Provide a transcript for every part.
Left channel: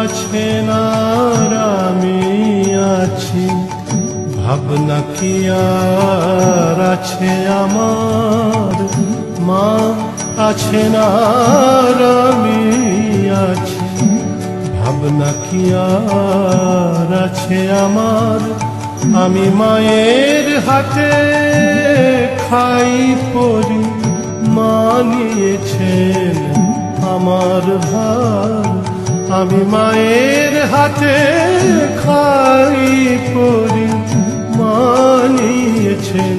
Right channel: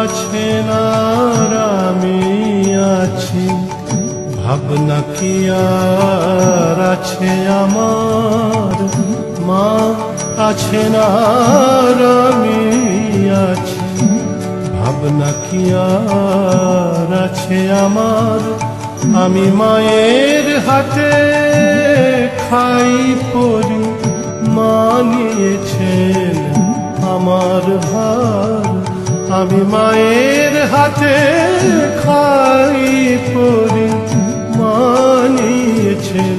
আছেন আর আমি আছি, ভাবনা কি আর আছে আমার, মা আছেন আর আমি আছি, ভাবনা কি আর আছে আমার। আমি মায়ের হাতে খাই পরি, মা নিয়েছেন আমার ভার। আমি মায়ের হাতে খাই পরি, মা নিয়েছেন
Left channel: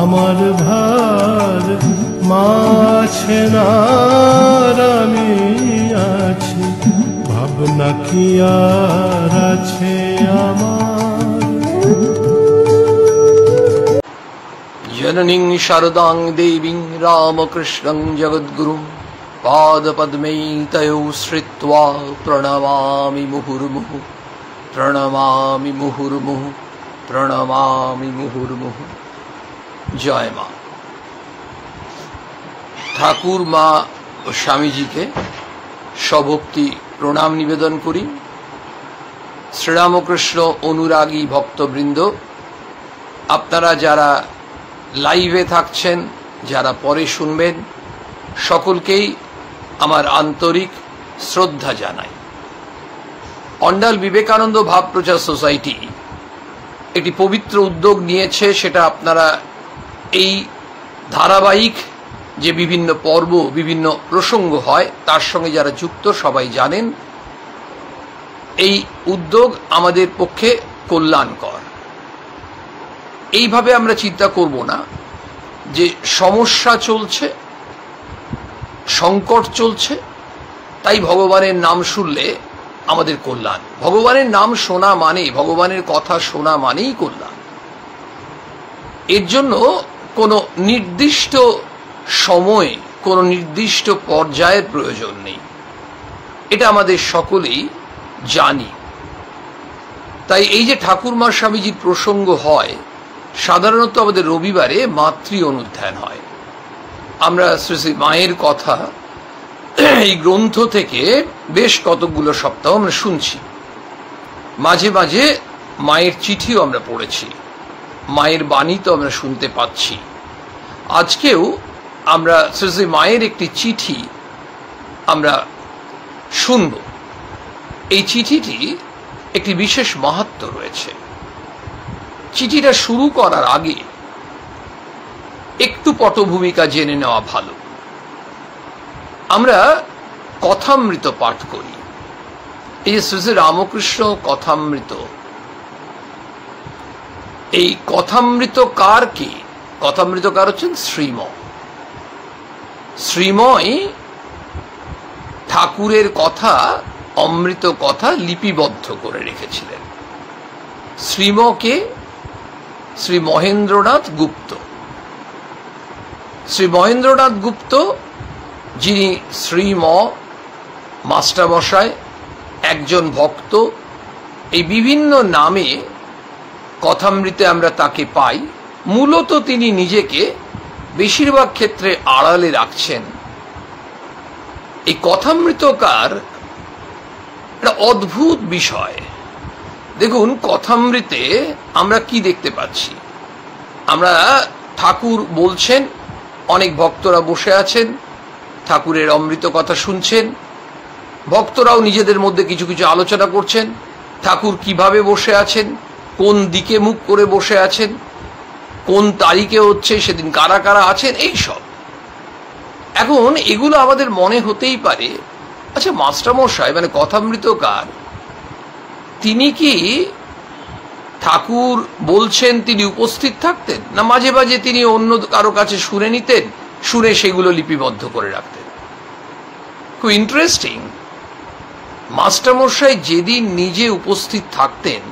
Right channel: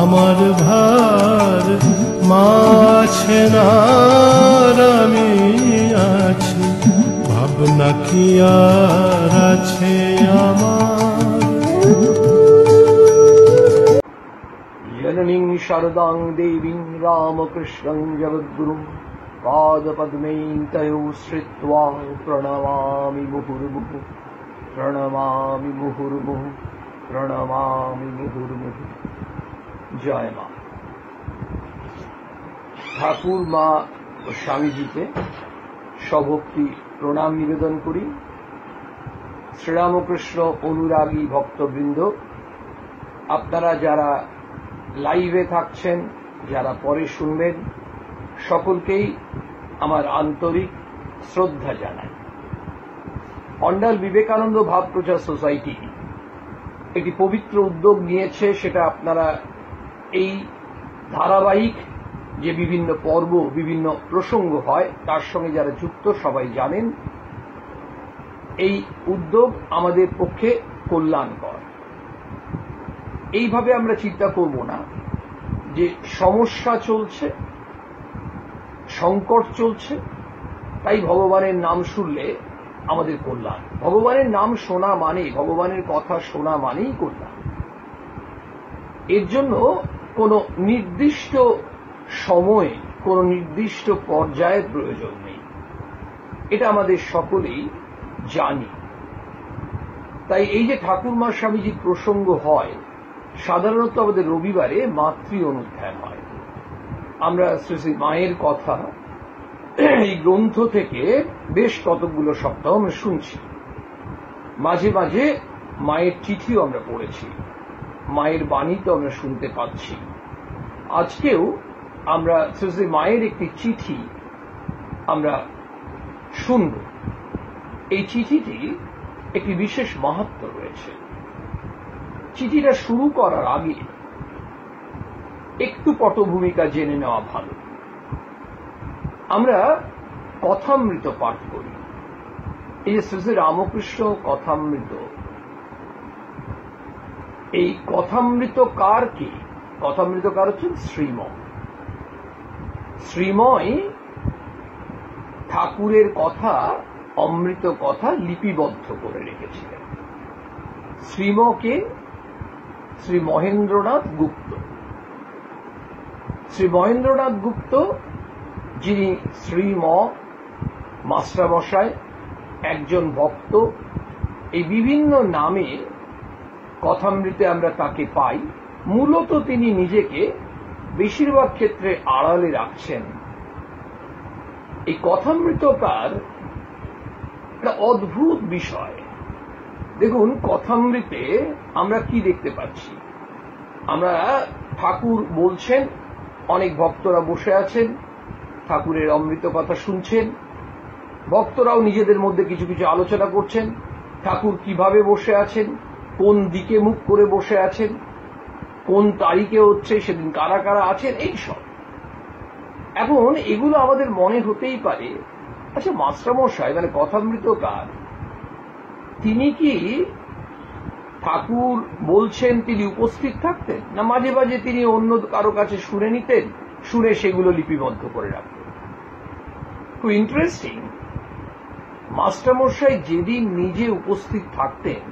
আমার ভার। মা আছেন আর আমি আছি, ভাবনা কি আর আছে আমার। जननीं शारदां देवीं रामकृष्णं जगद्गुरुं पादपद्मे तयोः श्रित्वा प्रणमामि मुहुर्मुहुः, प्रणमामि मुहुर्मुहुः, प्रणमामि मुहुर्मुहुः। जय मा। ठाकुर मा ও স্বামীজিকে সভক্তি প্রণাম নিবেদন করি। শ্রীরামকৃষ্ণ অনুরাগী ভক্তবৃন্দ, আপনারা যারা লাইভে থাকছেন, যারা পরে শুনবেন, সকলকেই আমার আন্তরিক শ্রদ্ধা জানাই। অন্ডাল বিবেকানন্দ ভাব প্রচার সোসাইটি একটি পবিত্র উদ্যোগ নিয়েছে, সেটা আপনারা এই ধারাবাহিক যে বিভিন্ন পর্ব, বিভিন্ন প্রসঙ্গ হয়, তার সঙ্গে যারা যুক্ত সবাই জানেন এই উদ্যোগ আমাদের পক্ষে কল্যাণকর। এইভাবে আমরা চিন্তা করব না যে সমস্যা চলছে, সংকট চলছে, তাই ভগবানের নাম শুনলে আমাদের কল্যাণ। ভগবানের নাম শোনা মানে, ভগবানের কথা শোনা মানেই কল্যাণ। এর জন্য কোনো নির্দিষ্ট সময়, কোনো নির্দিষ্ট পর্যায়ের প্রয়োজন নেই, এটা আমাদের সকলেই জানি। তাই এই যে ঠাকুরমা স্বামীজির প্রসঙ্গ হয়, সাধারণত আমাদের রবিবারে মাতৃ অনুধ্যান হয়। আমরা শ্রী শ্রী মায়ের কথা এই গ্রন্থ থেকে বেশ কতগুলো সপ্তাহ আমরা শুনছি। মাঝে মাঝে মায়ের চিঠিও আমরা পড়েছি, মায়ের বাণী তো আমরা শুনতে পাচ্ছি। আজকেও আমরা শ্রী শ্রী মায়ের একটি চিঠি আমরা শুনব। এই চিঠিটি একটি বিশেষ মাহাত্ম্য রয়েছে। চিঠিটা শুরু করার আগে একটু পটভূমিকা জেনে নেওয়া ভালো। আমরা কথামৃত পাঠ করি, এই শ্রী শ্রী রামকৃষ্ণ কথামৃত। এই কথামৃতকার কি? কথামৃতকার হচ্ছেন শ্রীম। শ্রীময় ঠাকুরের কথা, অমৃত কথা লিপিবদ্ধ করে রেখেছিলেন। শ্রীমকে শ্রী মহেন্দ্রনাথ গুপ্ত। শ্রী মহেন্দ্রনাথ গুপ্ত, যিনি শ্রীম মাস্টারমশাই, একজন ভক্ত, এই বিভিন্ন নামে কথামৃতে আমরা তাকে পাই। মূলত তিনি নিজেকে বেশিরভাগ ক্ষেত্রে আড়ালে রাখছেন। এই কথামৃতকার একটা অদ্ভুত বিষয়। দেখুন, কথামৃতে আমরা কি দেখতে পাচ্ছি? আমরা ঠাকুর বলছেন, অনেক ভক্তরা বসে আছেন, ঠাকুরের অমৃত কথা শুনছেন, ভক্তরাও নিজেদের মধ্যে কিছু কিছু আলোচনা করছেন। ঠাকুর কিভাবে বসে আছেন, কোন দিকে মুখ করে বসে আছেন, কোন তারিখে হচ্ছে, সেদিন কারা কারা আছেন, এই সব। এখন এগুলো আমাদের মনে হতেই পারে, আচ্ছা মাস্টারমশাই মানে কথামৃতকার, তিনি কি ঠাকুর বলছেন তিনি উপস্থিত থাকতেন, না মাঝে মাঝে তিনি অন্য কারো কাছে শুনে নিতেন, শুনে সেগুলো লিপিবদ্ধ করে রাখতেন? খুব ইন্টারেস্টিং। মাস্টারমশাই যেদিন নিজে উপস্থিত থাকতেন,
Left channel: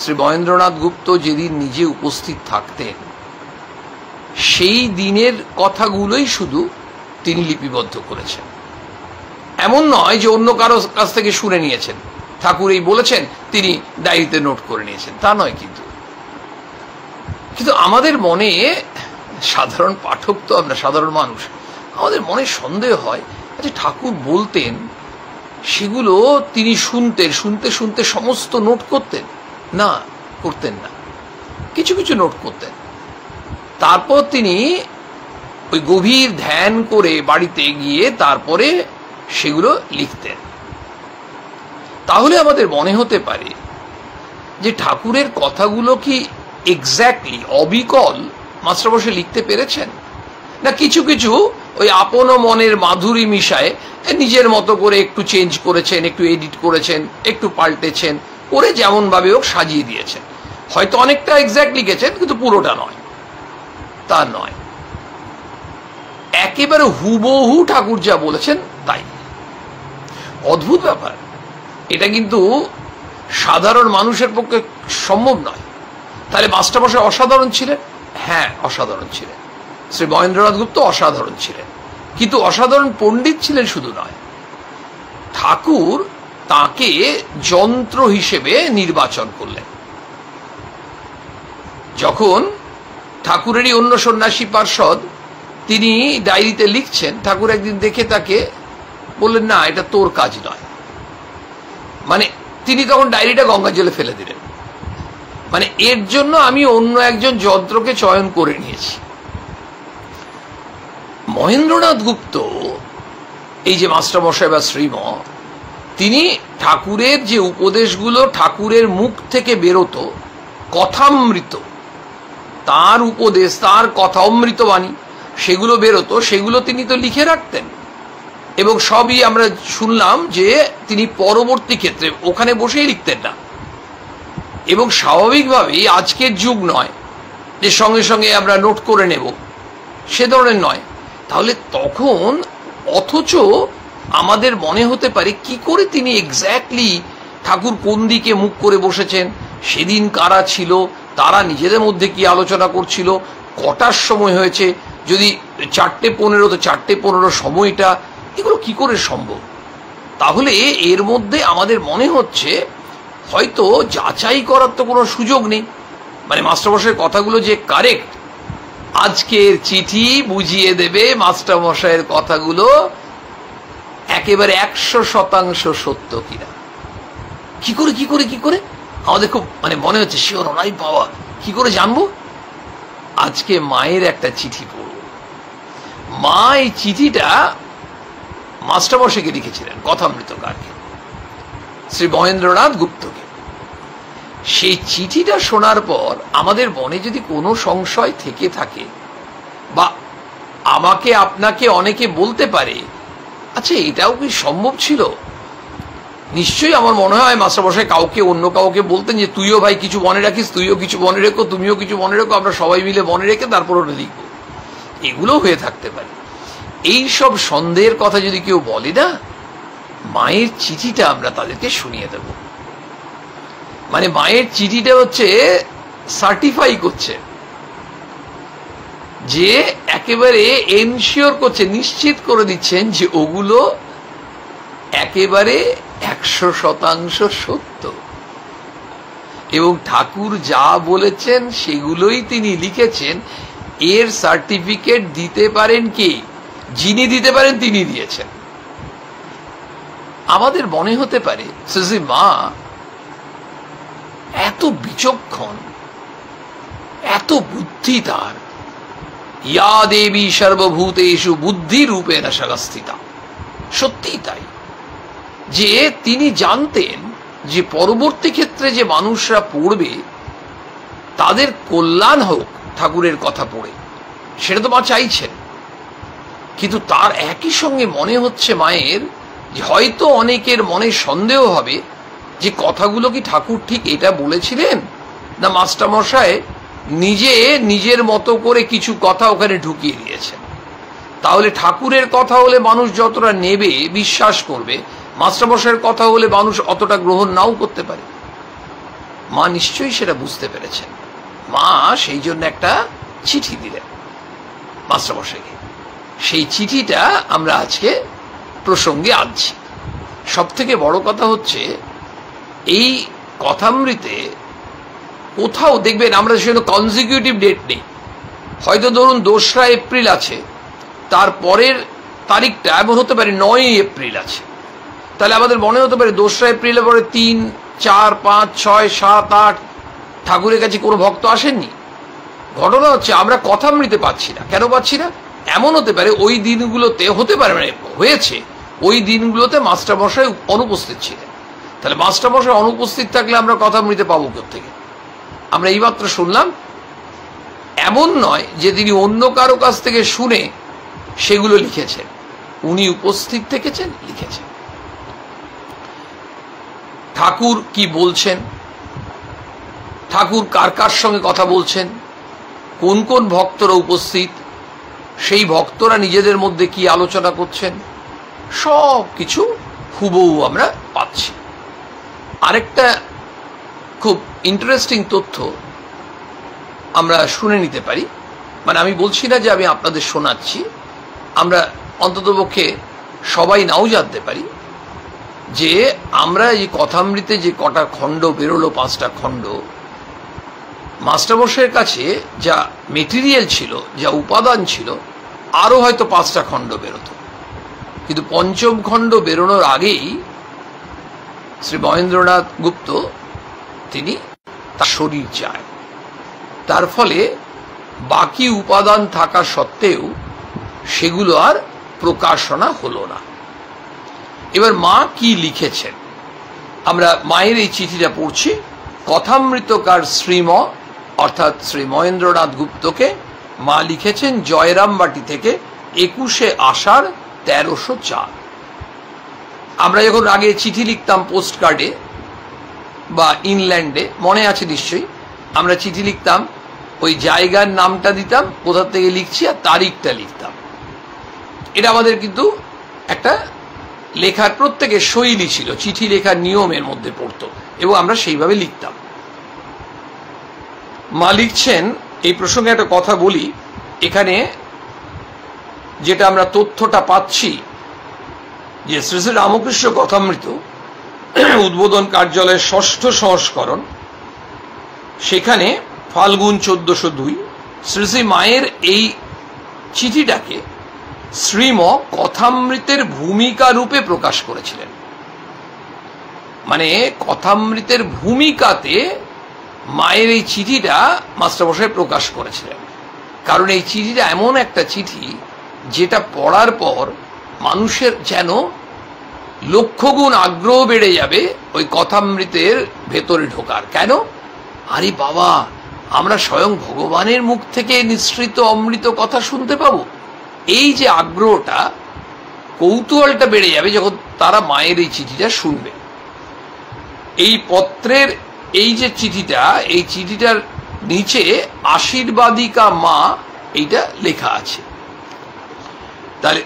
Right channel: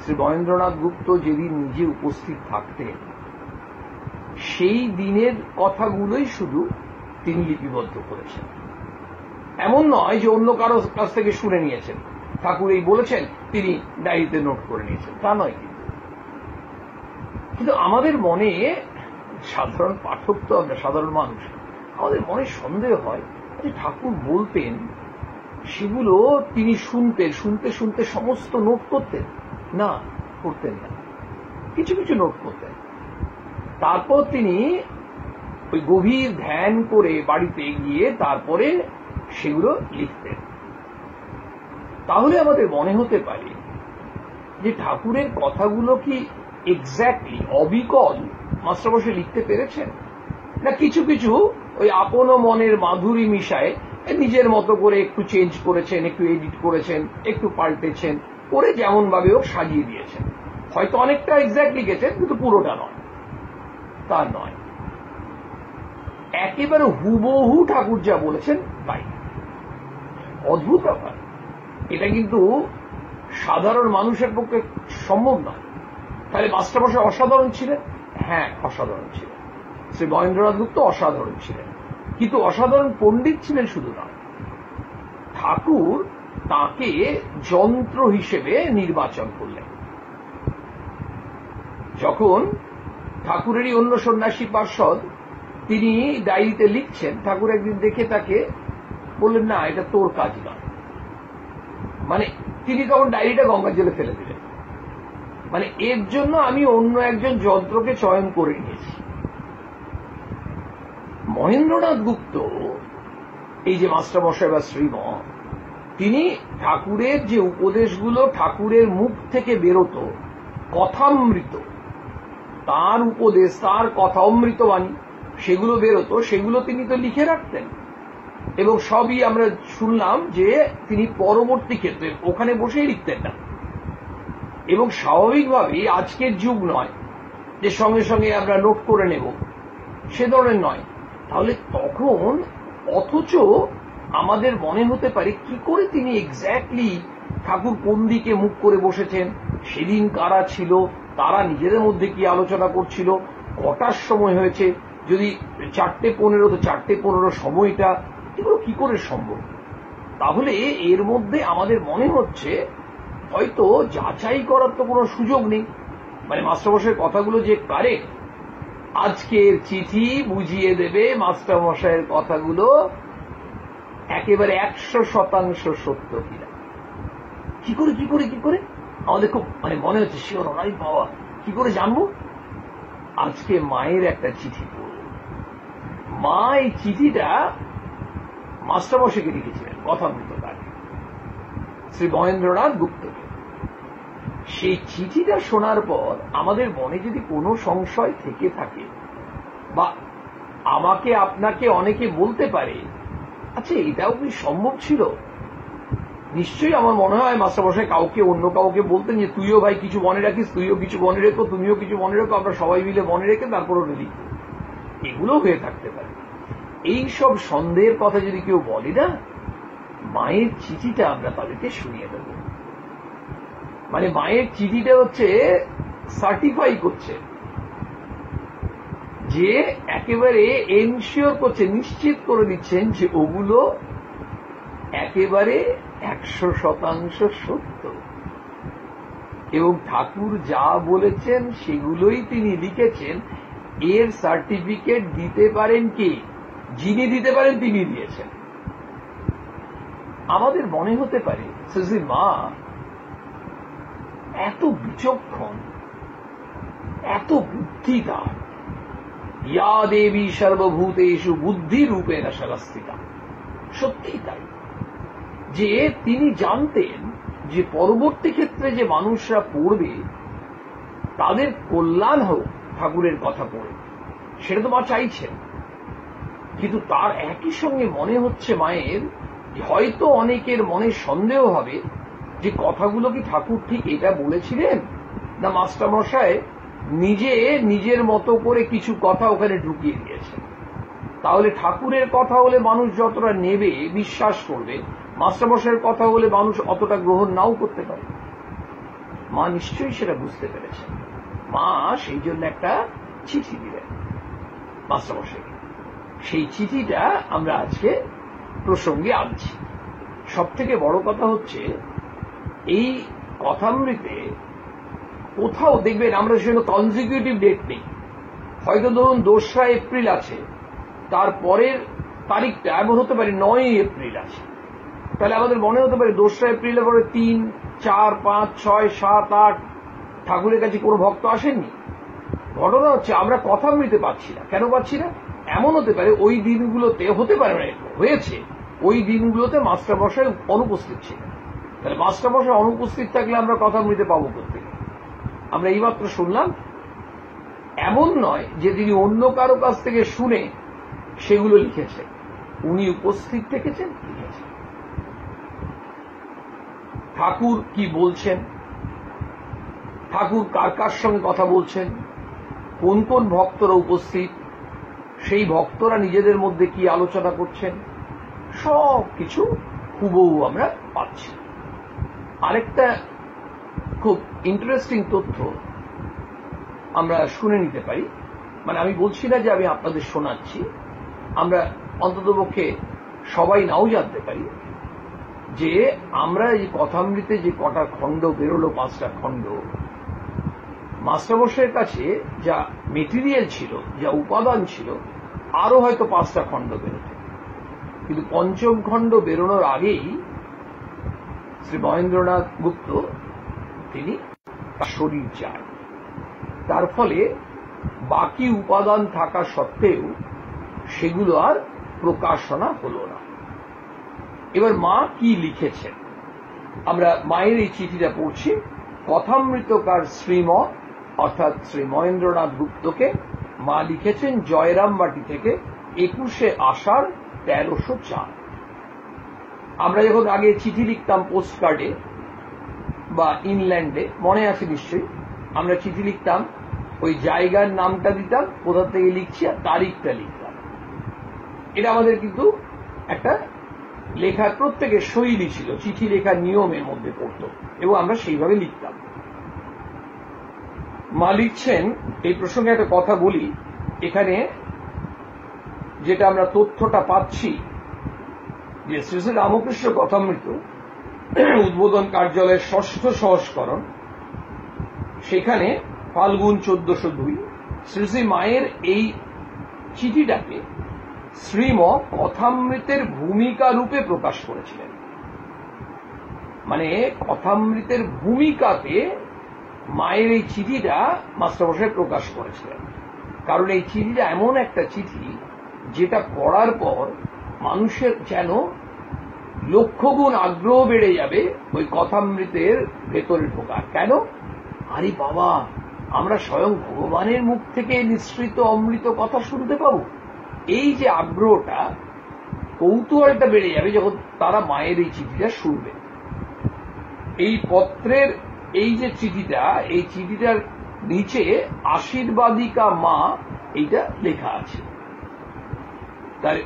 শ্রী মহেন্দ্রনাথ গুপ্ত যেদিন নিজে উপস্থিত থাকতেন, সেই দিনের কথাগুলোই শুধু তিনি লিপিবদ্ধ করেছেন। এমন নয় যে অন্য কারো কাছ থেকে শুনে নিয়েছেন, ঠাকুর এই বলেছেন তিনি ডায়েরিতে নোট করে নিয়েছেন, তা নয়। কিন্তু আমাদের মনে, সাধারণ পাঠক তো আমরা, সাধারণ মানুষ, আমাদের মনে সন্দেহ হয়, আচ্ছা ঠাকুর বলতেন সেগুলো তিনি শুনতে শুনতে সমস্ত নোট করতেন না, করতেন না, কিছু কিছু নোট করতেন। তারপর তিনি ওই গভীর ধ্যান করে বাড়িতে গিয়ে তারপরে সেগুলো লিখতেন। তাহলে আমাদের মনে হতে পারে যে ঠাকুরের কথাগুলো কি এক্স্যাক্টলি অবিকল মাস্টারমশাই লিখতে পেরেছেন, না কিছু কিছু ওই আপন মনের মাধুরী মিশায় নিজের মতো করে একটু চেঞ্জ করেছেন, একটু এডিট করেছেন, একটু পাল্টেছেন, করে যেমন ভাবে হোক সাজিয়ে দিয়েছেন। হয়তো অনেকটা এক্স্যাক্ট লিখেছেন কিন্তু পুরোটা নয়, তা নয়, একেবারে হুবহু ঠাকুর যা বলেছেন তাই। অদ্ভুত ব্যাপার, এটা কিন্তু সাধারণ মানুষের পক্ষে সম্ভব নয়। তাহলে মাস্টারমশাই অসাধারণ ছিলেন? হ্যাঁ, অসাধারণ ছিলেন। শ্রী মহেন্দ্রনাথ গুপ্ত অসাধারণ ছিলেন, কিন্তু অসাধারণ পণ্ডিত ছিলেন শুধু নয়, ঠাকুর তাকে যন্ত্র হিসেবে নির্বাচন করলেন। যখন ঠাকুরেরই অন্য সন্ন্যাসী পার্ষদ তিনি ডায়েরিতে লিখছেন, ঠাকুর একদিন দেখে তাকে বললেন, না এটা তোর কাজ নয়। মানে তিনি তখন ডায়েরিটা গঙ্গা জলে ফেলে দিলেন, মানে এর জন্য আমি অন্য একজন যন্ত্রকে চয়ন করে নিয়েছি। মহেন্দ্রনাথ গুপ্ত, এই যে মাস্টারমশাই বা শ্রীম, তিনি ঠাকুরের যে উপদেশগুলো ঠাকুরের মুখ থেকে বেরোতো, কথামৃত, তার উপদেশ, তার কথা অমৃতবাণী, সেগুলো বেরোতো, সেগুলো তিনি তো লিখে রাখতেন। এবং সবই আমরা শুনলাম যে তিনি পরবর্তী ক্ষেত্রে ওখানে বসেই লিখতেন না। এবং স্বাভাবিকভাবেই আজকের যুগ নয় যে সঙ্গে সঙ্গে আমরা নোট করে নেব, সে ধরনের নয়। তাহলে তখন অথচ আমাদের মনে হতে পারে কি করে তিনি এক্স্যাক্টলি ঠাকুর কোন দিকে মুখ করে বসেছেন, সেদিন কারা ছিল, তারা নিজেদের মধ্যে কি আলোচনা করছিল, কটার সময় হয়েছে, যদি 4:15 তো 4:15 সময়টা, এগুলো কি করে সম্ভব? তাহলে এর মধ্যে আমাদের মনে হচ্ছে হয়তো যাচাই করার তো কোনো সুযোগ নেই। মানে মাস্টারমশাইয়ের কথাগুলো যে কারেক্ট, আজকের চিঠি বুঝিয়ে দেবে মাস্টারমশাইয়ের কথাগুলো একেবারে 100% সত্য কিনা। কি করে আমাদের খুব মানে মনে হচ্ছে শিওর ওরাই পাওয়া, কি করে জানবো? আজকে মায়ের একটা চিঠি পড়ব। মা এই চিঠিটা মাস্টারমশাইকে লিখেছিলেন, কথামৃতকারকে, শ্রী মহেন্দ্রনাথ গুপ্তকে। সেই চিঠিটা শোনার পর আমাদের মনে যদি কোনো সংশয় থেকে থাকে, বা আমাকে আপনাকে অনেকে বলতে পারে, আচ্ছা এটাও কি সম্ভব ছিল? নিশ্চয়ই আমার মনে হয় মাস্টারমশাই কাউকে, অন্য কাউকে বলতেন যে তুইও ভাই কিছু মনে রাখিস, তুইও কিছু মনে রেখো, তুমিও কিছু মনে রেখো, আমরা সবাই মিলে মনে রেখে তারপর ওটা লিখবো। এগুলো হয়ে থাকতে পারে। এই সব সন্দেহের কথা যদি কেউ বলে না, মায়ের চিঠিটা আমরা তাদেরকে শুনিয়ে দেব। মানে মায়ের চিঠিটা হচ্ছে সার্টিফাই করছে, যে একেবারে এনশিওর করছে, নিশ্চিত করে দিচ্ছেন যে ওগুলো একেবারে 100% সত্য। এবং ঠাকুর যা বলেছেন সেগুলোই তিনি লিখেছেন, এর সার্টিফিকেট দিতে পারেন কি? যিনি দিতে পারেন তিনি দিয়েছেন। আমাদের মনে হতে পারে শ্রী মা এত বিচক্ষণ, এত বুদ্ধি তার, ইয়া দেবী সর্বভূতেষু বুদ্ধি রূপেণ সংস্থিতা। সত্যি তাই, যে তিনি জানতেন যে পরবর্তী ক্ষেত্রে যে মানুষরা পড়বে তাদের কল্যাণ হোক ঠাকুরের কথা পড়ে, সেটা তো মা চাইছেন। কিন্তু তার একই সঙ্গে মনে হচ্ছে মায়ের যে হয়তো অনেকের মনে সন্দেহ হবে যে কথাগুলো কি ঠাকুর ঠিক এটা বলেছিলেন, না মাস্টারমশাই নিজে নিজের মতো করে কিছু কথা ওখানে ঢুকিয়ে দিয়েছেন। তাহলে ঠাকুরের কথা হলে মানুষ যতটা নেবে, বিশ্বাস করবে, মাস্টারমশাইয়ের কথা হলে মানুষ অতটা গ্রহণ নাও করতে পারে। মা নিশ্চয়ই সেটা বুঝতে পেরেছেন। মা সেই জন্য একটা চিঠি দিলেন মাস্টারমশাইকে। সেই চিঠিটা আমরা আজকে প্রসঙ্গে আনছি। সব থেকে বড় কথা হচ্ছে, এই কথামৃতে কোথাও দেখবেন আমরা সেটা কনজিকিউটিভ ডেট নেই। হয়তো ধরুন 2রা এপ্রিল আছে, তারপরের তারিখটা এমন হতে পারে 9ই এপ্রিল আছে, তাহলে আমাদের মনে হতে পারে 2রা এপ্রিলের পরে 3, 4, 5, 6, 7, 8 ঠাকুরের কাছে কোনো ভক্ত আসেননি। ঘটনা হচ্ছে আমরা কথামৃতে পাচ্ছি না। কেন পাচ্ছি না? এমন হতে পারে ওই দিনগুলোতে, হতে পারে মানে হয়েছে, ওই দিনগুলোতে মাস্টারমশাই অনুপস্থিত ছিলেন। তাহলে মাস্টারমশাই অনুপস্থিত থাকলে আমরা কথামৃতে পাবো কোত্থেকে? আমরা এইমাত্র শুনলাম। এমন নয় যে তিনি অন্য কারো কাছ থেকে শুনে সেগুলো লিখেছেন, উনি উপস্থিত থেকেছেন, লিখেছেন। ঠাকুর কি বলছেন, ঠাকুর কার কার সঙ্গে কথা বলছেন, কোন কোন ভক্তরা উপস্থিত, সেই ভক্তরা নিজেদের মধ্যে কি আলোচনা করছেন, সব কিছু হুবহু আমরা পাচ্ছি। আরেকটা খুব ইন্টারেস্টিং তথ্য আমরা শুনে নিতে পারি। মানে আমি বলছি না যে আমি আপনাদের শোনাচ্ছি, আমরা অন্ততপক্ষে সবাই নাও জানতে পারি যে আমরা এই কথামৃতে যে কটা খণ্ড বেরোলো, 5টা খণ্ড, মাস্টারমশাইয়ের কাছে যা মেটেরিয়াল ছিল, যা উপাদান ছিল, আরও হয়তো 5টা খণ্ড বেরোতো। কিন্তু 5ম খণ্ড বেরোনোর আগেই শ্রী মহেন্দ্রনাথ গুপ্ত তিনি তার শরীর যায়। তার ফলে বাকি উপাদান থাকা সত্ত্বেও সেগুলো আর প্রকাশনা হলো না। এবার মা কি লিখেছেন, আমরা মায়ের এই চিঠিটা পড়ছি। কথামৃতকার শ্রীম অর্থাৎ শ্রী মহেন্দ্রনাথ গুপ্তকে মা লিখেছেন জয়রামবাটি থেকে 21শে আষাঢ় 1304। আমরা যখন আগে চিঠি লিখতাম পোস্ট কার্ডে বা ইনল্যান্ডে, মনে আছে নিশ্চয়ই, আমরা চিঠি লিখতাম, ওই জায়গার নামটা দিতাম, কোথা থেকে লিখছি, আর তারিখটা লিখতাম। এটা আমাদের কিন্তু একটা লেখার প্রত্যেকের শৈলী ছিল, চিঠি লেখার নিয়মের মধ্যে পড়তো এবং আমরা সেইভাবে লিখতাম। মা লিখছেন, এই প্রসঙ্গে একটা কথা বলি, এখানে যেটা আমরা তথ্যটা পাচ্ছি যে শ্রী শ্রী রামকৃষ্ণ কথামৃত উদ্বোধন কার্যালয়ের 6ষ্ঠ সংস্করণ, সেখানে ফাল্গুন 1402 শ্রী শ্রী মায়ের এই চিঠিটাকে শ্রীম কথামৃতের ভূমিকা রূপে প্রকাশ করেছিলেন। মানে কথামৃতের ভূমিকাতে মায়ের এই চিঠিটা মাস্টারমশাই প্রকাশ করেছিলেন। কারণ এই চিঠিটা এমন একটা চিঠি যেটা পড়ার পর মানুষের যেন লক্ষগুণ আগ্রহ বেড়ে যাবে ওই কথামৃতের ভেতরে ঢোকার। কেন? আরে বাবা, আমরা স্বয়ং ভগবানের মুখ থেকে নিঃসৃত অমৃত কথা শুনতে পাবো। এই যে আগ্রহটা, কৌতূহলটা বেড়ে যাবে যখন তারা মায়ের এই চিঠিটা শুনবে। এই পত্রের এই যে চিঠিটা, এই চিঠিটার নিচে আশীর্বাদিকা মা এইটা লেখা আছে। তাহলে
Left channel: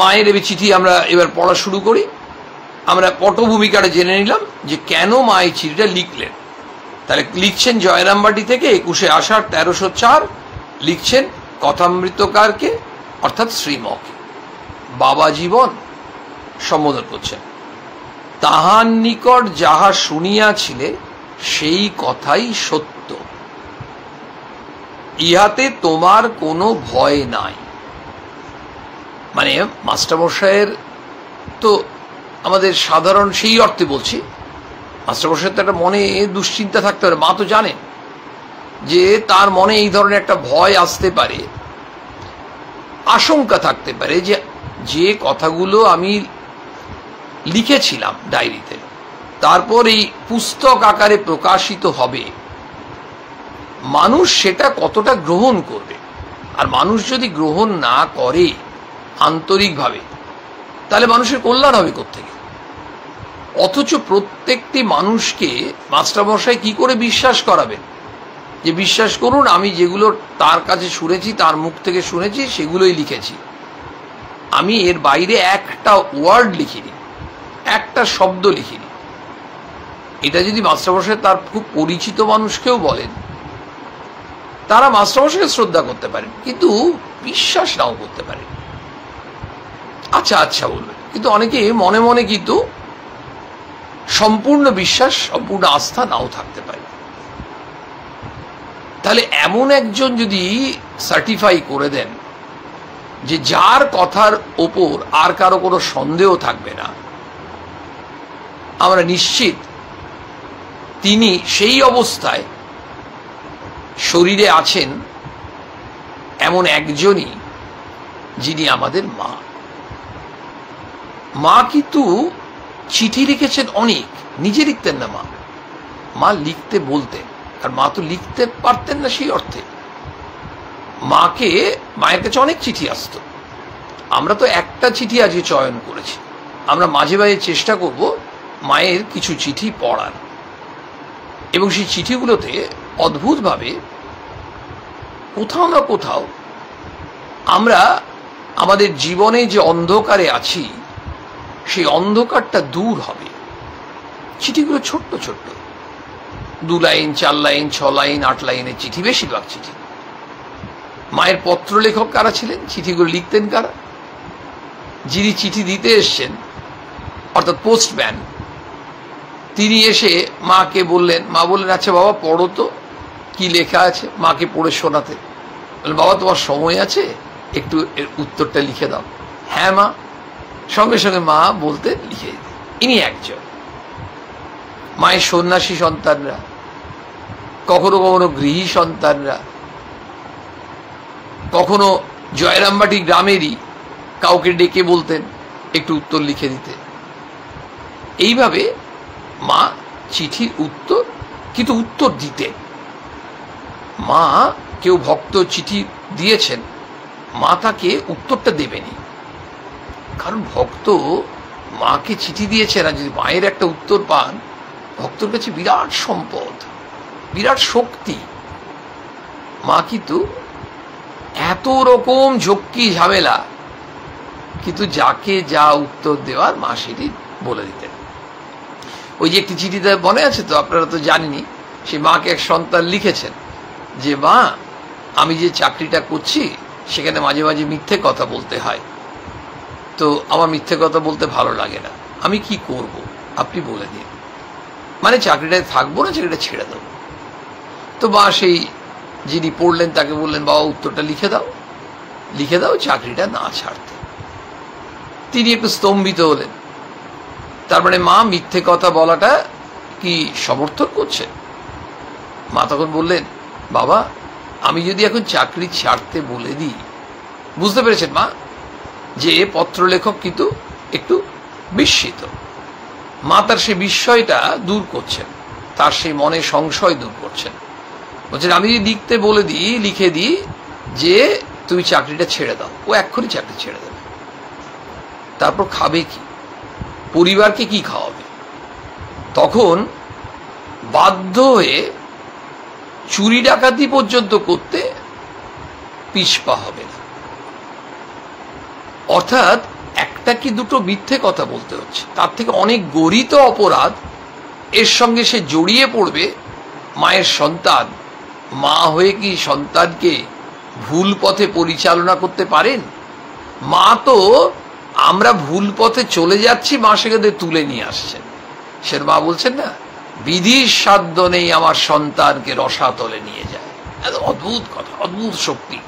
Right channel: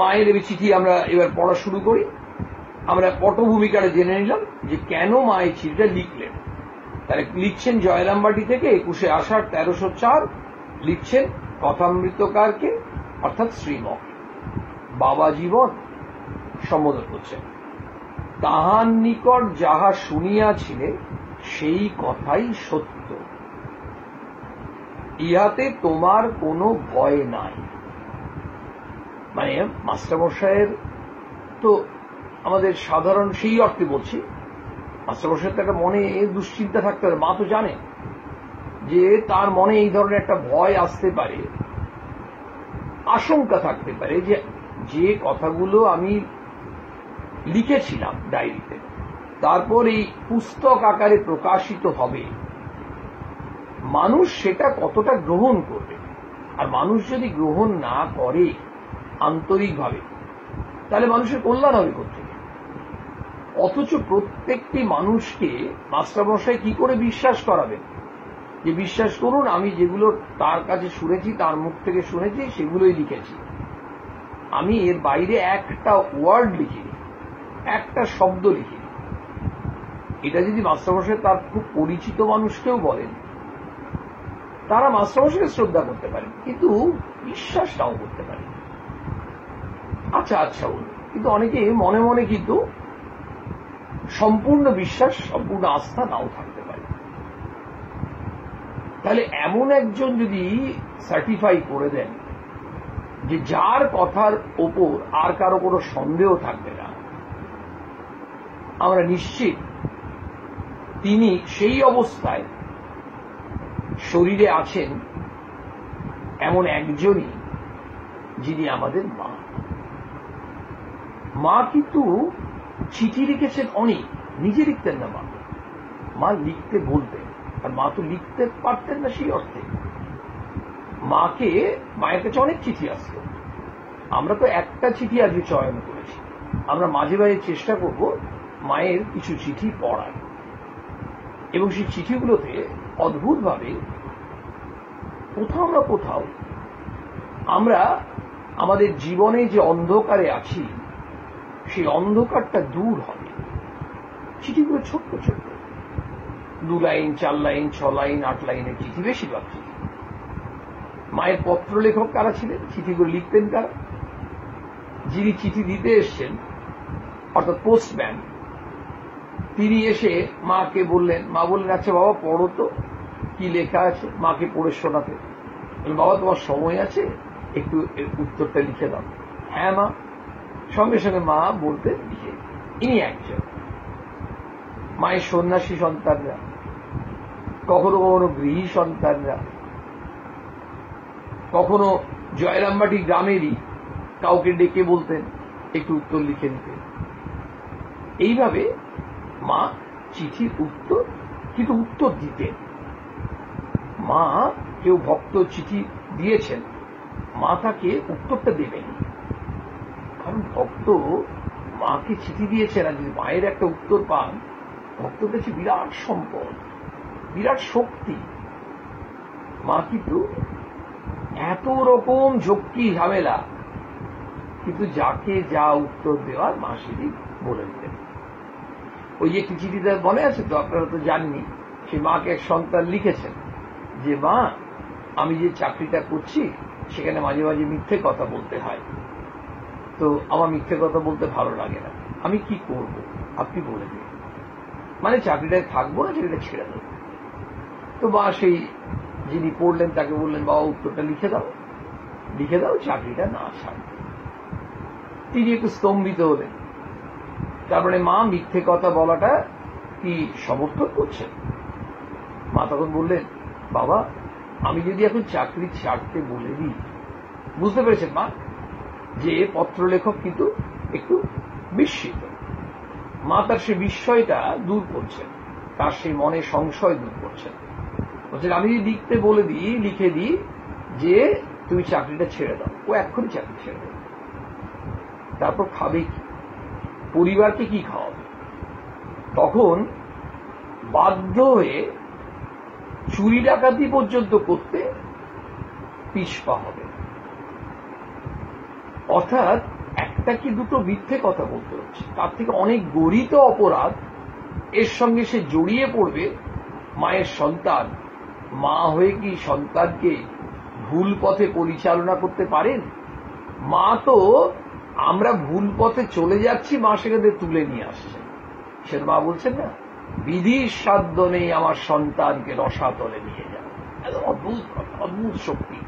মায়ের এই চিঠি আমরা এবার পড়া শুরু করি। আমরা পটভূমিকাটা জেনে নিলাম যে কেন মা এই চিঠিটা লিখলেন। তাহলে লিখছেন জয়রামবাটি থেকে 21শে আষাঢ় 1304, লিখছেন কথামৃতকারকে অর্থাৎ শ্রীমকে, বাবা জীবন সম্বোধন করছেন। তাহার নিকট যাহা শুনিয়াছিলে সেই কথাই সত্য, ইহাতে তোমার কোনো ভয় নাই। মানে মাস্টারমশাইয়ের তো আমাদের সাধারণ, সেই অর্থে বলছি, মাস্টারমশাইয়ের তো একটা মনে দুশ্চিন্তা থাকতে পারে। মা তো জানে যে তার মনে এই ধরনের একটা ভয় আসতে পারে, আশঙ্কা থাকতে পারে যে যে কথাগুলো আমি লিখেছিলাম ডায়েরিতে, তারপর এই পুস্তক আকারে প্রকাশিত হবে, মানুষ সেটা কতটা গ্রহণ করবে। আর মানুষ যদি গ্রহণ না করে আন্তরিকভাবে, তাহলে মানুষের কল্যাণ হবে কোত্থেকে? অথচ প্রত্যেকটি মানুষকে মাস্টারমশাই কি করে বিশ্বাস করাবেন যে বিশ্বাস করুন আমি যেগুলো তার কাছে শুনেছি, তার মুখ থেকে শুনেছি, সেগুলোই লিখেছি, আমি এর বাইরে একটা ওয়ার্ড লিখিনি, একটা শব্দ লিখিনি। এটা যদি মাস্টারমশাই তার খুব পরিচিত মানুষকেও বলেন, তারা মাস্টারমশাইকে শ্রদ্ধা করতে পারেন, কিন্তু বিশ্বাস নাও করতে পারে। আচ্ছা আচ্ছা বলবেন, কিন্তু অনেকে মনে মনে কিন্তু সম্পূর্ণ বিশ্বাস, সম্পূর্ণ আস্থা নাও থাকতে পারে। তাহলে এমন একজন যদি সার্টিফাই করে দেন যে যার কথার ওপর আর কারো কোনো সন্দেহ থাকবে না, আমরা নিশ্চিত তিনি সেই অবস্থায় শরীরে আছেন এমন একজনই, যিনি আমাদের মা। মা কিন্তু চিঠি লিখেছেন অনেক, নিজে লিখতেন না মা লিখতে বলতেন। আর মা তো লিখতে পারতেন না সেই অর্থে। মায়ের কাছে অনেক চিঠি আসতো। আমরা তো একটা চিঠি আজকে চয়ন করেছি। আমরা মাঝে মাঝে চেষ্টা করব মায়ের কিছু চিঠি পড়ার, এবং সেই চিঠিগুলোতে অদ্ভুতভাবে কোথাও না কোথাও আমরা আমাদের জীবনে যে অন্ধকারে আছি সেই অন্ধকারটা দূর হবে। চিঠিগুলো ছোট্ট ছোট্ট, 2 লাইন, 4 লাইন, 6 লাইন, 8 লাইনের চিঠি, বেশিরভাগ চিঠি। মায়ের পত্র লেখক কারা ছিলেন? চিঠিগুলো লিখতেন কারা? যিনি চিঠি দিতে এসছেন, অর্থাৎ পোস্টম্যান, তিনি এসে মাকে বললেন, মা বললেন, আচ্ছা বাবা পড়ো তো কি লেখা আছে। মাকে পড়ে শোনাতে বললেন, বাবা তোমার সময় আছে, একটু এর উত্তরটা লিখে দাও। হ্যাঁ মা। সঙ্গে সঙ্গে মা বলতে লিখে দিতেন। ইনি একজন। মায়ের সন্ন্যাসী সন্তানরা, কখনো কখনো গৃহী সন্তানরা, কখনো জয়রামবাটি গ্রামেরই কাউকে ডেকে বলতেন একটু উত্তর লিখে দিতে। এইভাবে মা চিঠির উত্তর, কিন্তু উত্তর দিতেন। মা, কেউ ভক্ত চিঠি দিয়েছেন, মা তাকে উত্তরটা দেবেনি, কারণ ভক্ত মাকে চিঠি দিয়েছেন আর যদি মায়ের একটা উত্তর পান, ভক্তর কাছে বিরাট সম্পদ, বিরাট শক্তি। মা কিন্তু এত রকম ঝক্কি ঝামেলা, কিন্তু যাকে যা উত্তর দেওয়ার মা সেটি বলে দিতেন। ওই যে একটি চিঠিতে মনে আছে তো, আপনারা তো জানেনই, সে মাকে এক সন্তান লিখেছেন যে মা, আমি যে চাকরিটা করছি সেখানে মাঝে মাঝে মিথ্যে কথা বলতে হয়, তো আমার মিথ্যে কথা বলতে ভালো লাগে না, আমি কি করব আপনি বলে দিন। মানে চাকরিটায় থাকবো না, চাকরিটা ছেড়ে দেবো। তো মা সেই যিনি পড়লেন তাকে বললেন, বাবা উত্তরটা লিখে দাও চাকরিটা না ছাড়তে। তিনি একটু স্তম্ভিত হলেন। তার মানে মা মিথ্যে কথা বলাটা কি সমর্থন করছেন? মা তখন বললেন, বাবা আমি যদি এখন চাকরি ছাড়তে বলে দিই, বুঝতে পেরেছেন মা যে পত্রলেখক কিন্তু একটু বিস্মিত। মা তার সেই বিস্ময়টা দূর করছেন, তার সেই মনে সংশয় দূর করছেন। বলছেন, আমি যদি লিখতে বলে দিই, লিখে দিই যে তুমি চাকরিটা ছেড়ে দাও, ও এক্ষুনি চাকরি ছেড়ে দেবে। তারপর খাবে কি? পরিবারকে কি খাওয়াবে? তখন বাধ্য হয়ে চুরি ডাকাতি পর্যন্ত করতে পিছপা হবে না। অর্থাৎ একটা কি দুটো মিথ্যে কথা বলতে হচ্ছে, তার থেকে অনেক গরিত অপরাধ এর সঙ্গে সে জড়িয়ে পড়বে। মায়ের সন্তান, মা হয়ে কি সন্তানকে ভুল পথে পরিচালনা করতে পারেন? মা তো, আমরা ভুল পথে চলে যাচ্ছি, মা সেখানে তুলে নিয়ে আসছেন। সে মা বলছেন না, বিধির সাধ্য নেই আমার সন্তানকে রসাতলে নিয়ে যায়। এত অদ্ভুত কথা, অদ্ভুত শক্তি।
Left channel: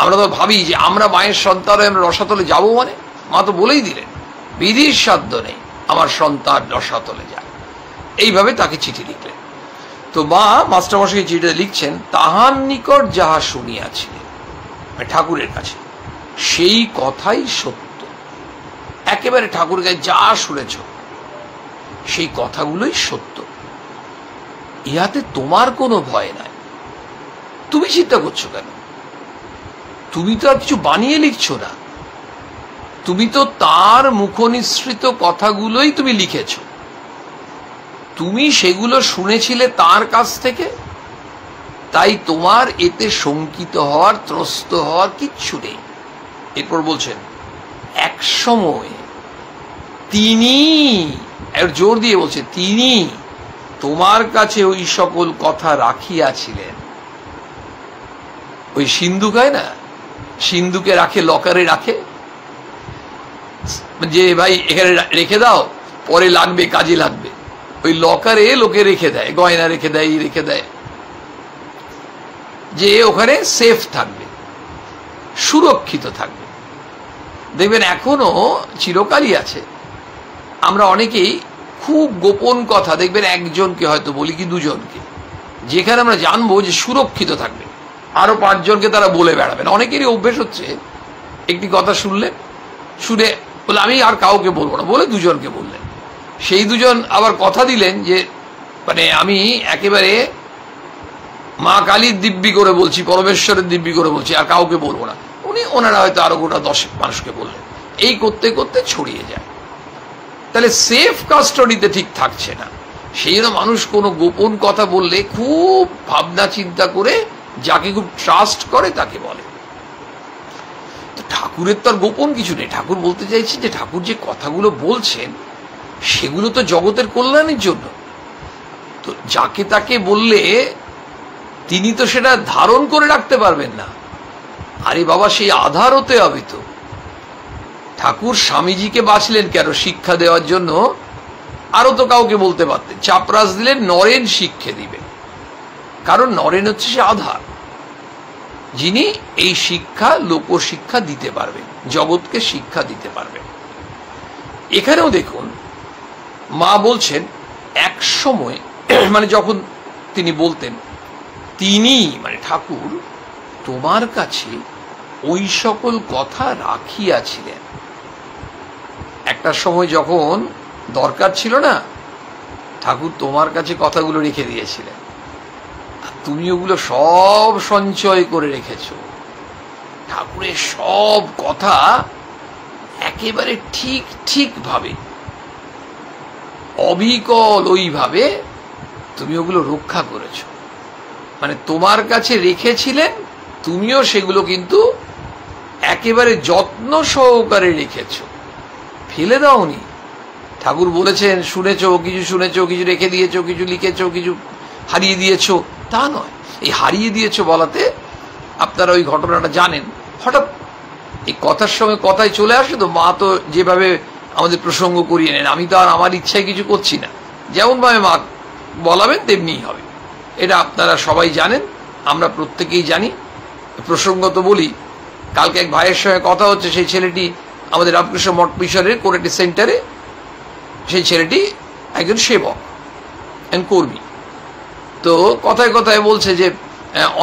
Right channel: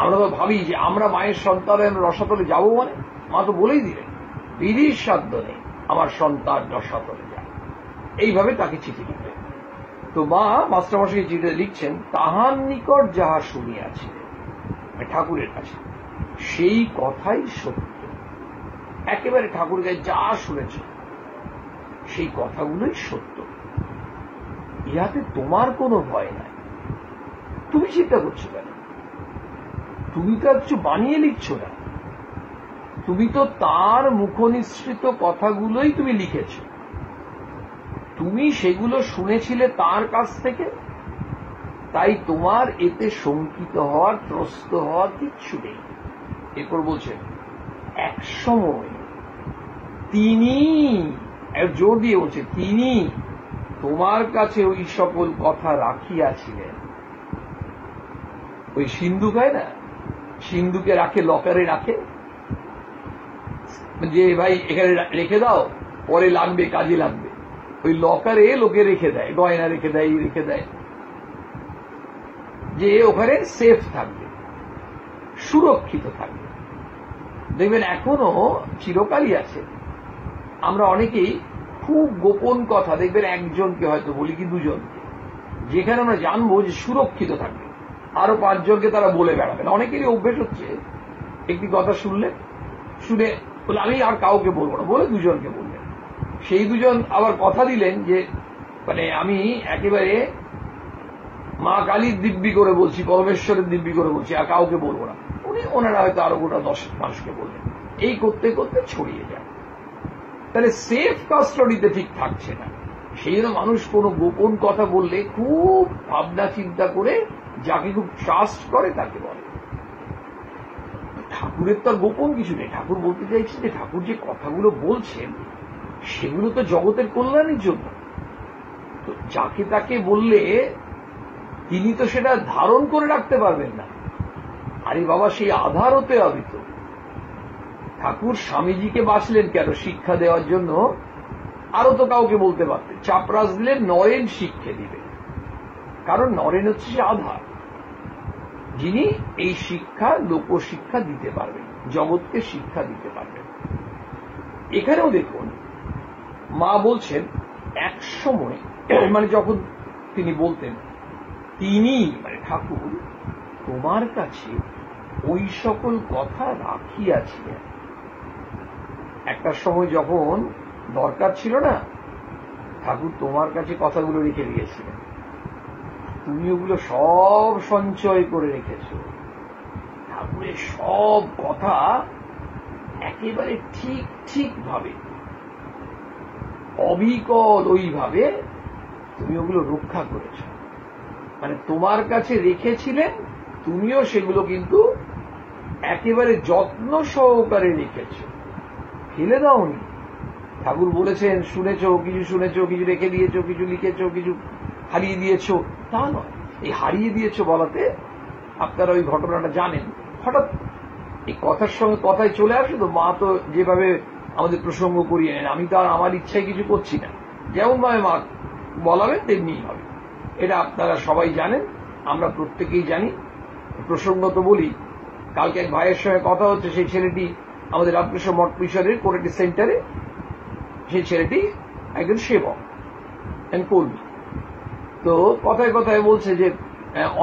আমরা তো ভাবি যে আমরা মায়ের সন্তান হয়ে আমরা রসাতলে যাবো, মানে মা তো বলেই দিলেন, বিধির সাধ্য নেই আমার সন্তান রসাতলে যায়। এইভাবে তাকে চিঠি লিখলেন। তো মা মাস্টারমশাই চিঠিটা লিখছেন, তাহার নিকট যাহা শুনিয়াছিলেন, ঠাকুরের কাছে, সেই কথাই সত্য। একেবারে ঠাকুরের কাছে যা শুনেছ সেই কথাগুলোই সত্য। ইহাতে তোমার কোনো ভয় নাই। তুমি চিন্তা করছো কেন? তুমি তো আর কিছু বানিয়ে লিখছো না, তুমি তো তার মুখনিসৃত কথাগুলোই তুমি লিখেছ। তুমি সেগুলো শুনেছিলে তার কাছ থেকে, তাই তোমার এতে শঙ্কিত হওয়ার, ত্রস্ত হওয়ার কিচ্ছু নেই। এরপর বলছেন, এক সময় তিনি, জোর দিয়ে বলছে, তিনি তোমার কাছে ওই সকল কথা রাখিয়াছিলেন। ওই সিন্ধুক হয় না, সিন্ধুকে রাখে, লকারে রাখে, যে ভাই এখানে রেখে দাও, পরে লাগবে, কাজে লাগবে। ওই লকারে লোকে রেখে দেয়, গয়না রেখে দেয়, রেখে দেয়, যে ওখানে সেফ থাকবে, সুরক্ষিত থাকবে। দেখবেন এখনো চিরকালই আছে। আমরা অনেকেই খুব গোপন কথা দেখবেন একজনকে হয়তো বলি কি দুজনকে, যেখানে আমরা জানবো যে সুরক্ষিত থাকবে, আরো 5 জনকে তারা বলে বেড়াবেন। অনেকেরই অভ্যেস হচ্ছে একটি কথা শুনলেন, শুনে বলে আমি আর কাউকে বলবো না, বলে 2 জনকে বললেন। সেই 2 জন আবার কথা দিলেন যে মানে আমি একেবারে মা কালীর দিব্যি করে বলছি, পরমেশ্বরের দিব্যি করে বলছি, আর কাউকে বলবো না। ওনারা হয়তো আরো গোটা 10 মানুষকে বললেন। এই করতে করতে ছড়িয়ে যায়। তাহলে সেফ কাস্টডিতে ঠিক থাকছে না। সেই জন্য মানুষ কোনো গোপন কথা বললে খুব ভাবনা চিন্তা করে যাকে খুব ট্রাস্ট করে তাকে বলে। তো ঠাকুরের তো আর গোপন কিছু নেই। ঠাকুর বলতে চাইছেন যে ঠাকুর যে কথাগুলো বলছেন সেগুলো তো জগতের কল্যাণের জন্য। তো যাকে তাকে বললে তিনি তো সেটা ধারণ করে রাখতে পারবেন না। আরে বাবা, সেই আধার হতে হবে তো। ঠাকুর স্বামীজিকে বাঁচলেন কেন? শিক্ষা দেওয়ার জন্য। আরো তো কাউকে বলতে পারতেন, চাপরাস দিলেন নরেন শিক্ষা দিবে, কারণ নরেন হচ্ছে সে আধার, যিনি এই শিক্ষা লোকশিক্ষা দিতে পারবেন, জগৎকে শিক্ষা দিতে পারবেন। এখানেও দেখুন মা বলছেন এক সময় মানে যখন তিনি বলতেন, তিনি মানে ঠাকুর তোমার কাছে ওই সকল কথা রাখিয়াছিলেন। একটা সময় যখন দরকার ছিল না, ঠাকুর তোমার কাছে কথাগুলো রেখে দিয়েছিলেন, আর তুমি ওগুলো সব সঞ্চয় করে রেখেছ। ঠাকুরের সব কথা একেবারে ঠিক ঠিক ভাবে, অবিকল ওইভাবে তুমি ওগুলো রক্ষা করেছ। মানে তোমার কাছে রেখেছিলেন, তুমিও সেগুলো কিন্তু একেবারে যত্ন সহকারে রেখেছ, ফেলে দাওনি। ঠাকুর বলেছেন শুনেছো, কিছু শুনেছো, কিছু রেখে দিয়েছো, কিছু লিখেছো, কিছু হারিয়ে দিয়েছো, তা নয়। এই হারিয়ে দিয়েছো বলাতে আপনারা ওই ঘটনাটা জানেন। হঠাৎ এই কথার সময় কথায় চলে আসে তো, মা তো যেভাবে আমাদের প্রসঙ্গ করিয়ে নেন, আমি তো আর আমার ইচ্ছায় কিছু করছি না, যেমন ভাবে মা বলাবেন তেমনিই হবে। এটা আপনারা সবাই জানেন, আমরা প্রত্যেকেই জানি। প্রসঙ্গত বলি, কালকে এক ভাইয়ের সঙ্গে কথা হচ্ছে, সেই ছেলেটি আমাদের রামকৃষ্ণ মঠ মিশনের কোরেটি সেন্টারে, সেই ছেলেটি একজন সেবক কর্মী। তো কথায় কথায় বলছে যে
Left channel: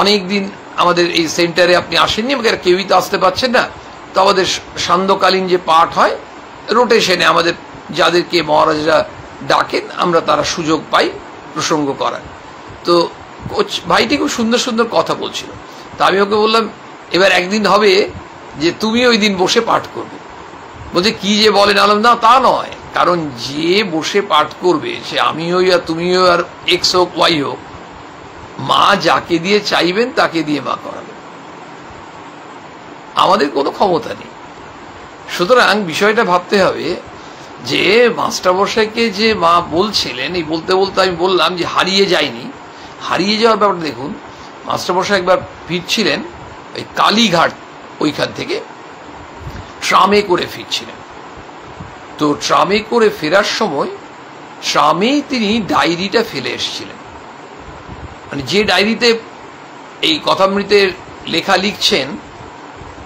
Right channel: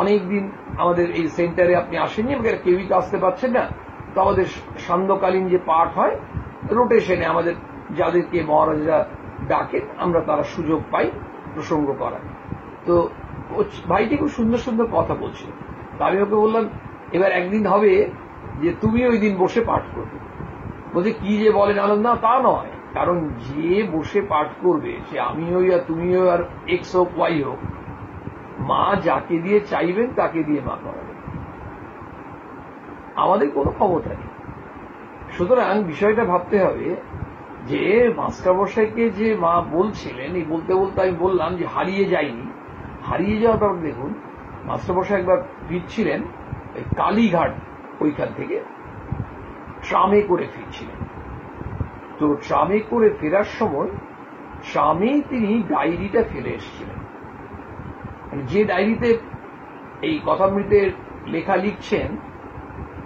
অনেক দিন আমাদের এই সেন্টারে আপনি আসেননি, কেউই তো আসতে পারছেন না। তো আমাদের সান্ধ্যকালীন যে পাঠ হয় রোটেশনে আমাদের যাদেরকে মহারাজরা ডাকেন আমরা তারা সুযোগ পাই প্রসঙ্গ করার। তো ভাইটি খুব সুন্দর সুন্দর কথা বলছিল। তা আমি ওকে বললাম এবার একদিন হবে যে তুমি ওই দিন বসে পাঠ করবে। বলছে কি যে বলেন? আলাম না, তা নয়, কারণ যে বসে পাঠ করবে সে আমি হই আর তুমিও আর এক্স হোক ওয়াই হোক, মা যাকে দিয়ে চাইবেন তাকে দিয়ে মা করাবেন, আমাদের কোনো ক্ষমতা নেই। সুতরাং বিষয়টা ভাবতে হবে যে মাস্টারমশাইকে যে মা বলছিলেন, এই বলতে বলতে আমি বললাম যে হারিয়ে যায়নি। হারিয়ে যাওয়ার ব্যাপারটা দেখুন, মাস্টারমশাই একবার ফিরছিলেন ওই কালীঘাট, ওইখান থেকে ট্রামে করে ফিরছিলেন। তো ট্রামে করে ফেরার সময় ট্রামেই তিনি ডায়েরিটা ফেলে এসেছিলেন। মানে যে ডায়েরিতে এই কথামৃতের লেখা লিখছেন,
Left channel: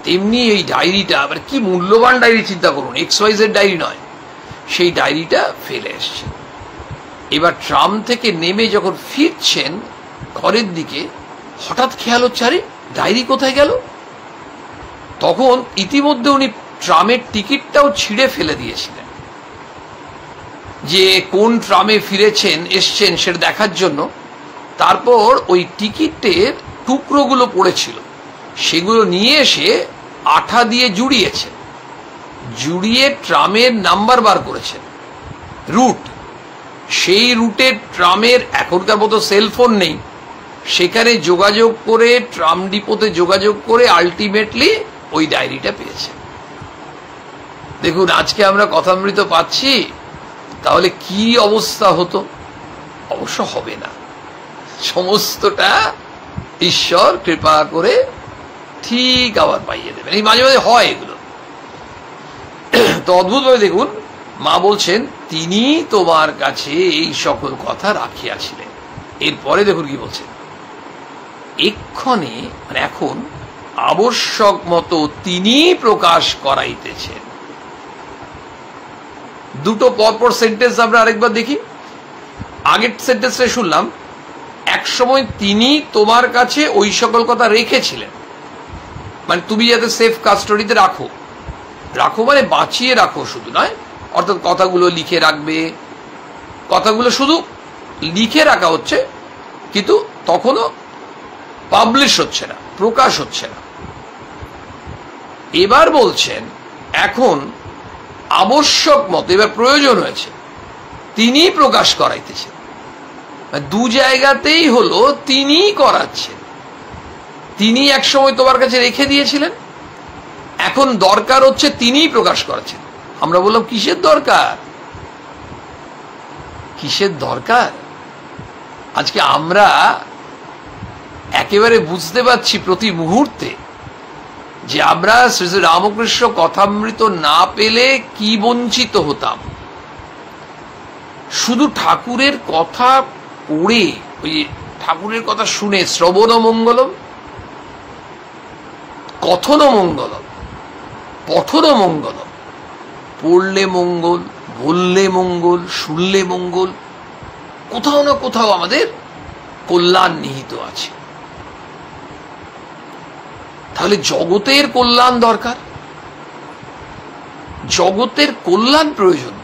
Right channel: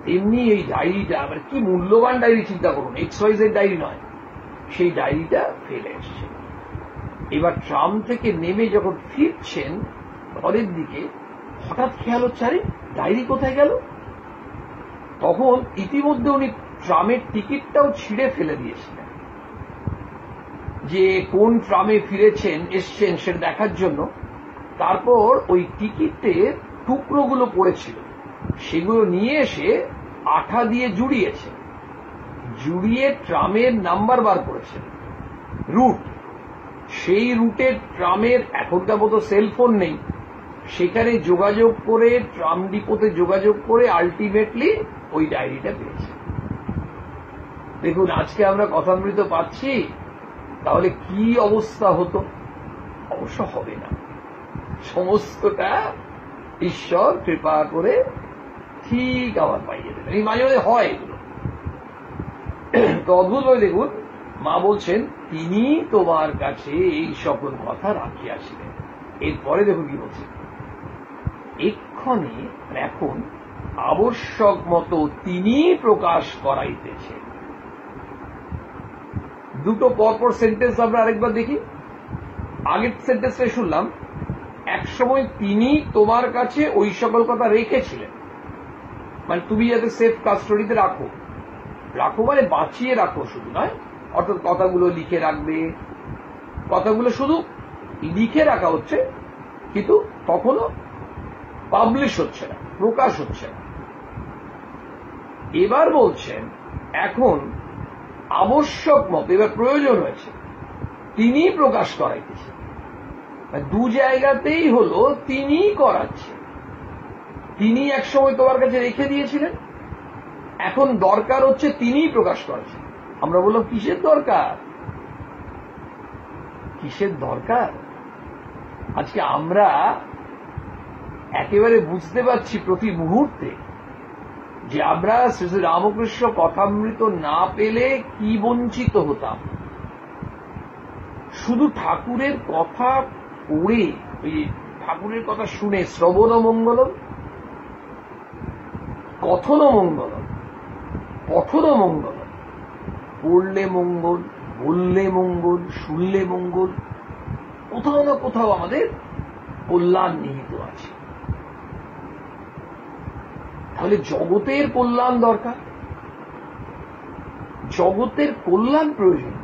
তেমনি এই ডায়েরিটা, মানে কি মূল্যবান ডায়েরি চিন্তা করুন, XYZ ডায়েরি নয়, সেই ডায়েরিটা ফেলে এসছে। এবার ট্রাম থেকে নেমে যখন ফিরছেন ঘরের দিকে, হঠাৎ খেয়াল হচ্ছে আরে ডায়েরি কোথায় গেল। তখন ইতিমধ্যে উনি ট্রামের টিকিটটাও ছিঁড়ে ফেলে দিয়েছিলেন, যে কোন ট্রামে ফিরেছেন এসছেন সেটা দেখার জন্য। তারপর ওই টিকিটের টুকরোগুলো পড়েছিল, সেগুলো নিয়ে এসে আঠা দিয়ে জুড়িয়েছেন, জুড়িয়ে ট্রামের নাম্বার বার করেছেন, রুট। সেই রুটে ট্রামের এখনকার মতো সেলফোন নেই, সেখানে যোগাযোগ করে ট্রাম ডিপোতে যোগাযোগ করে আলটিমেটলি ওই ডায়েরিটা পেয়েছে। দেখুন আজকে আমরা কথামৃত পাচ্ছি, তাহলে কি অবস্থা হতো? অবশ্য হবে না, সমস্তটা ঈশ্বর কৃপা করে ঠিক আবার পাইয়ে দেবেন। এই মাঝে মাঝে হয় এগুলো। তো অদ্ভুতভাবে দেখুন মা বলছেন তিনি তোমার কাছে এই সকল কথা রাখিয়াছিলেন। এরপরে দেখুন কি বলছেন, এক্ষণে মানে এখন আবশ্যক মতো তিনি প্রকাশ করাইতেছেন। দুটো পরপর সেন্টেন্স আমরা আরেকবার দেখি। আগের সেন্টেন্সটা শুনলাম, এক সময় তিনি তোমার কাছে ওই সকল কথা রেখেছিলেন, মানে তুমি যাতে সেফ কাস্টডিতে রাখো, রাখো মানে বাঁচিয়ে রাখো শুধু নয়, অর্থাৎ কথাগুলো লিখে রাখবে। কথাগুলো শুধু লিখে রাখা হচ্ছে, কিন্তু তখনও পাবলিশ হচ্ছে না, প্রকাশ হচ্ছে না। এবার বলছেন এখন আবশ্যক মতো, এবার প্রয়োজন হয়েছে, তিনি প্রকাশ করাইতেছেন। দু জায়গাতেই হলো তিনি করাচ্ছেন। তিনি এক সময় তোমার কাছে রেখে দিয়েছিলেন, এখন দরকার হচ্ছে তিনি প্রকাশ করাচ্ছেন। আমরা বললাম কিসের দরকার, কিসের দরকার? আজকে আমরা একেবারে বুঝতে পারছি প্রতি মুহূর্তে যে আমরা শ্রী শ্রী রামকৃষ্ণ কথামৃত না পেলে কি বঞ্চিত হতাম। শুধু ঠাকুরের কথা পড়ে, ওই ঠাকুরের কথা শুনে, শ্রবণ মঙ্গলম, কথন মঙ্গলম, পঠন মঙ্গলম, পড়লে মঙ্গল, বললে মঙ্গল, শুনলে মঙ্গল, কোথাও না কোথাও আমাদের কল্যাণ নিহিত আছে। তাহলে জগতের কল্যাণ দরকার, জগতের কল্যাণ প্রয়োজন।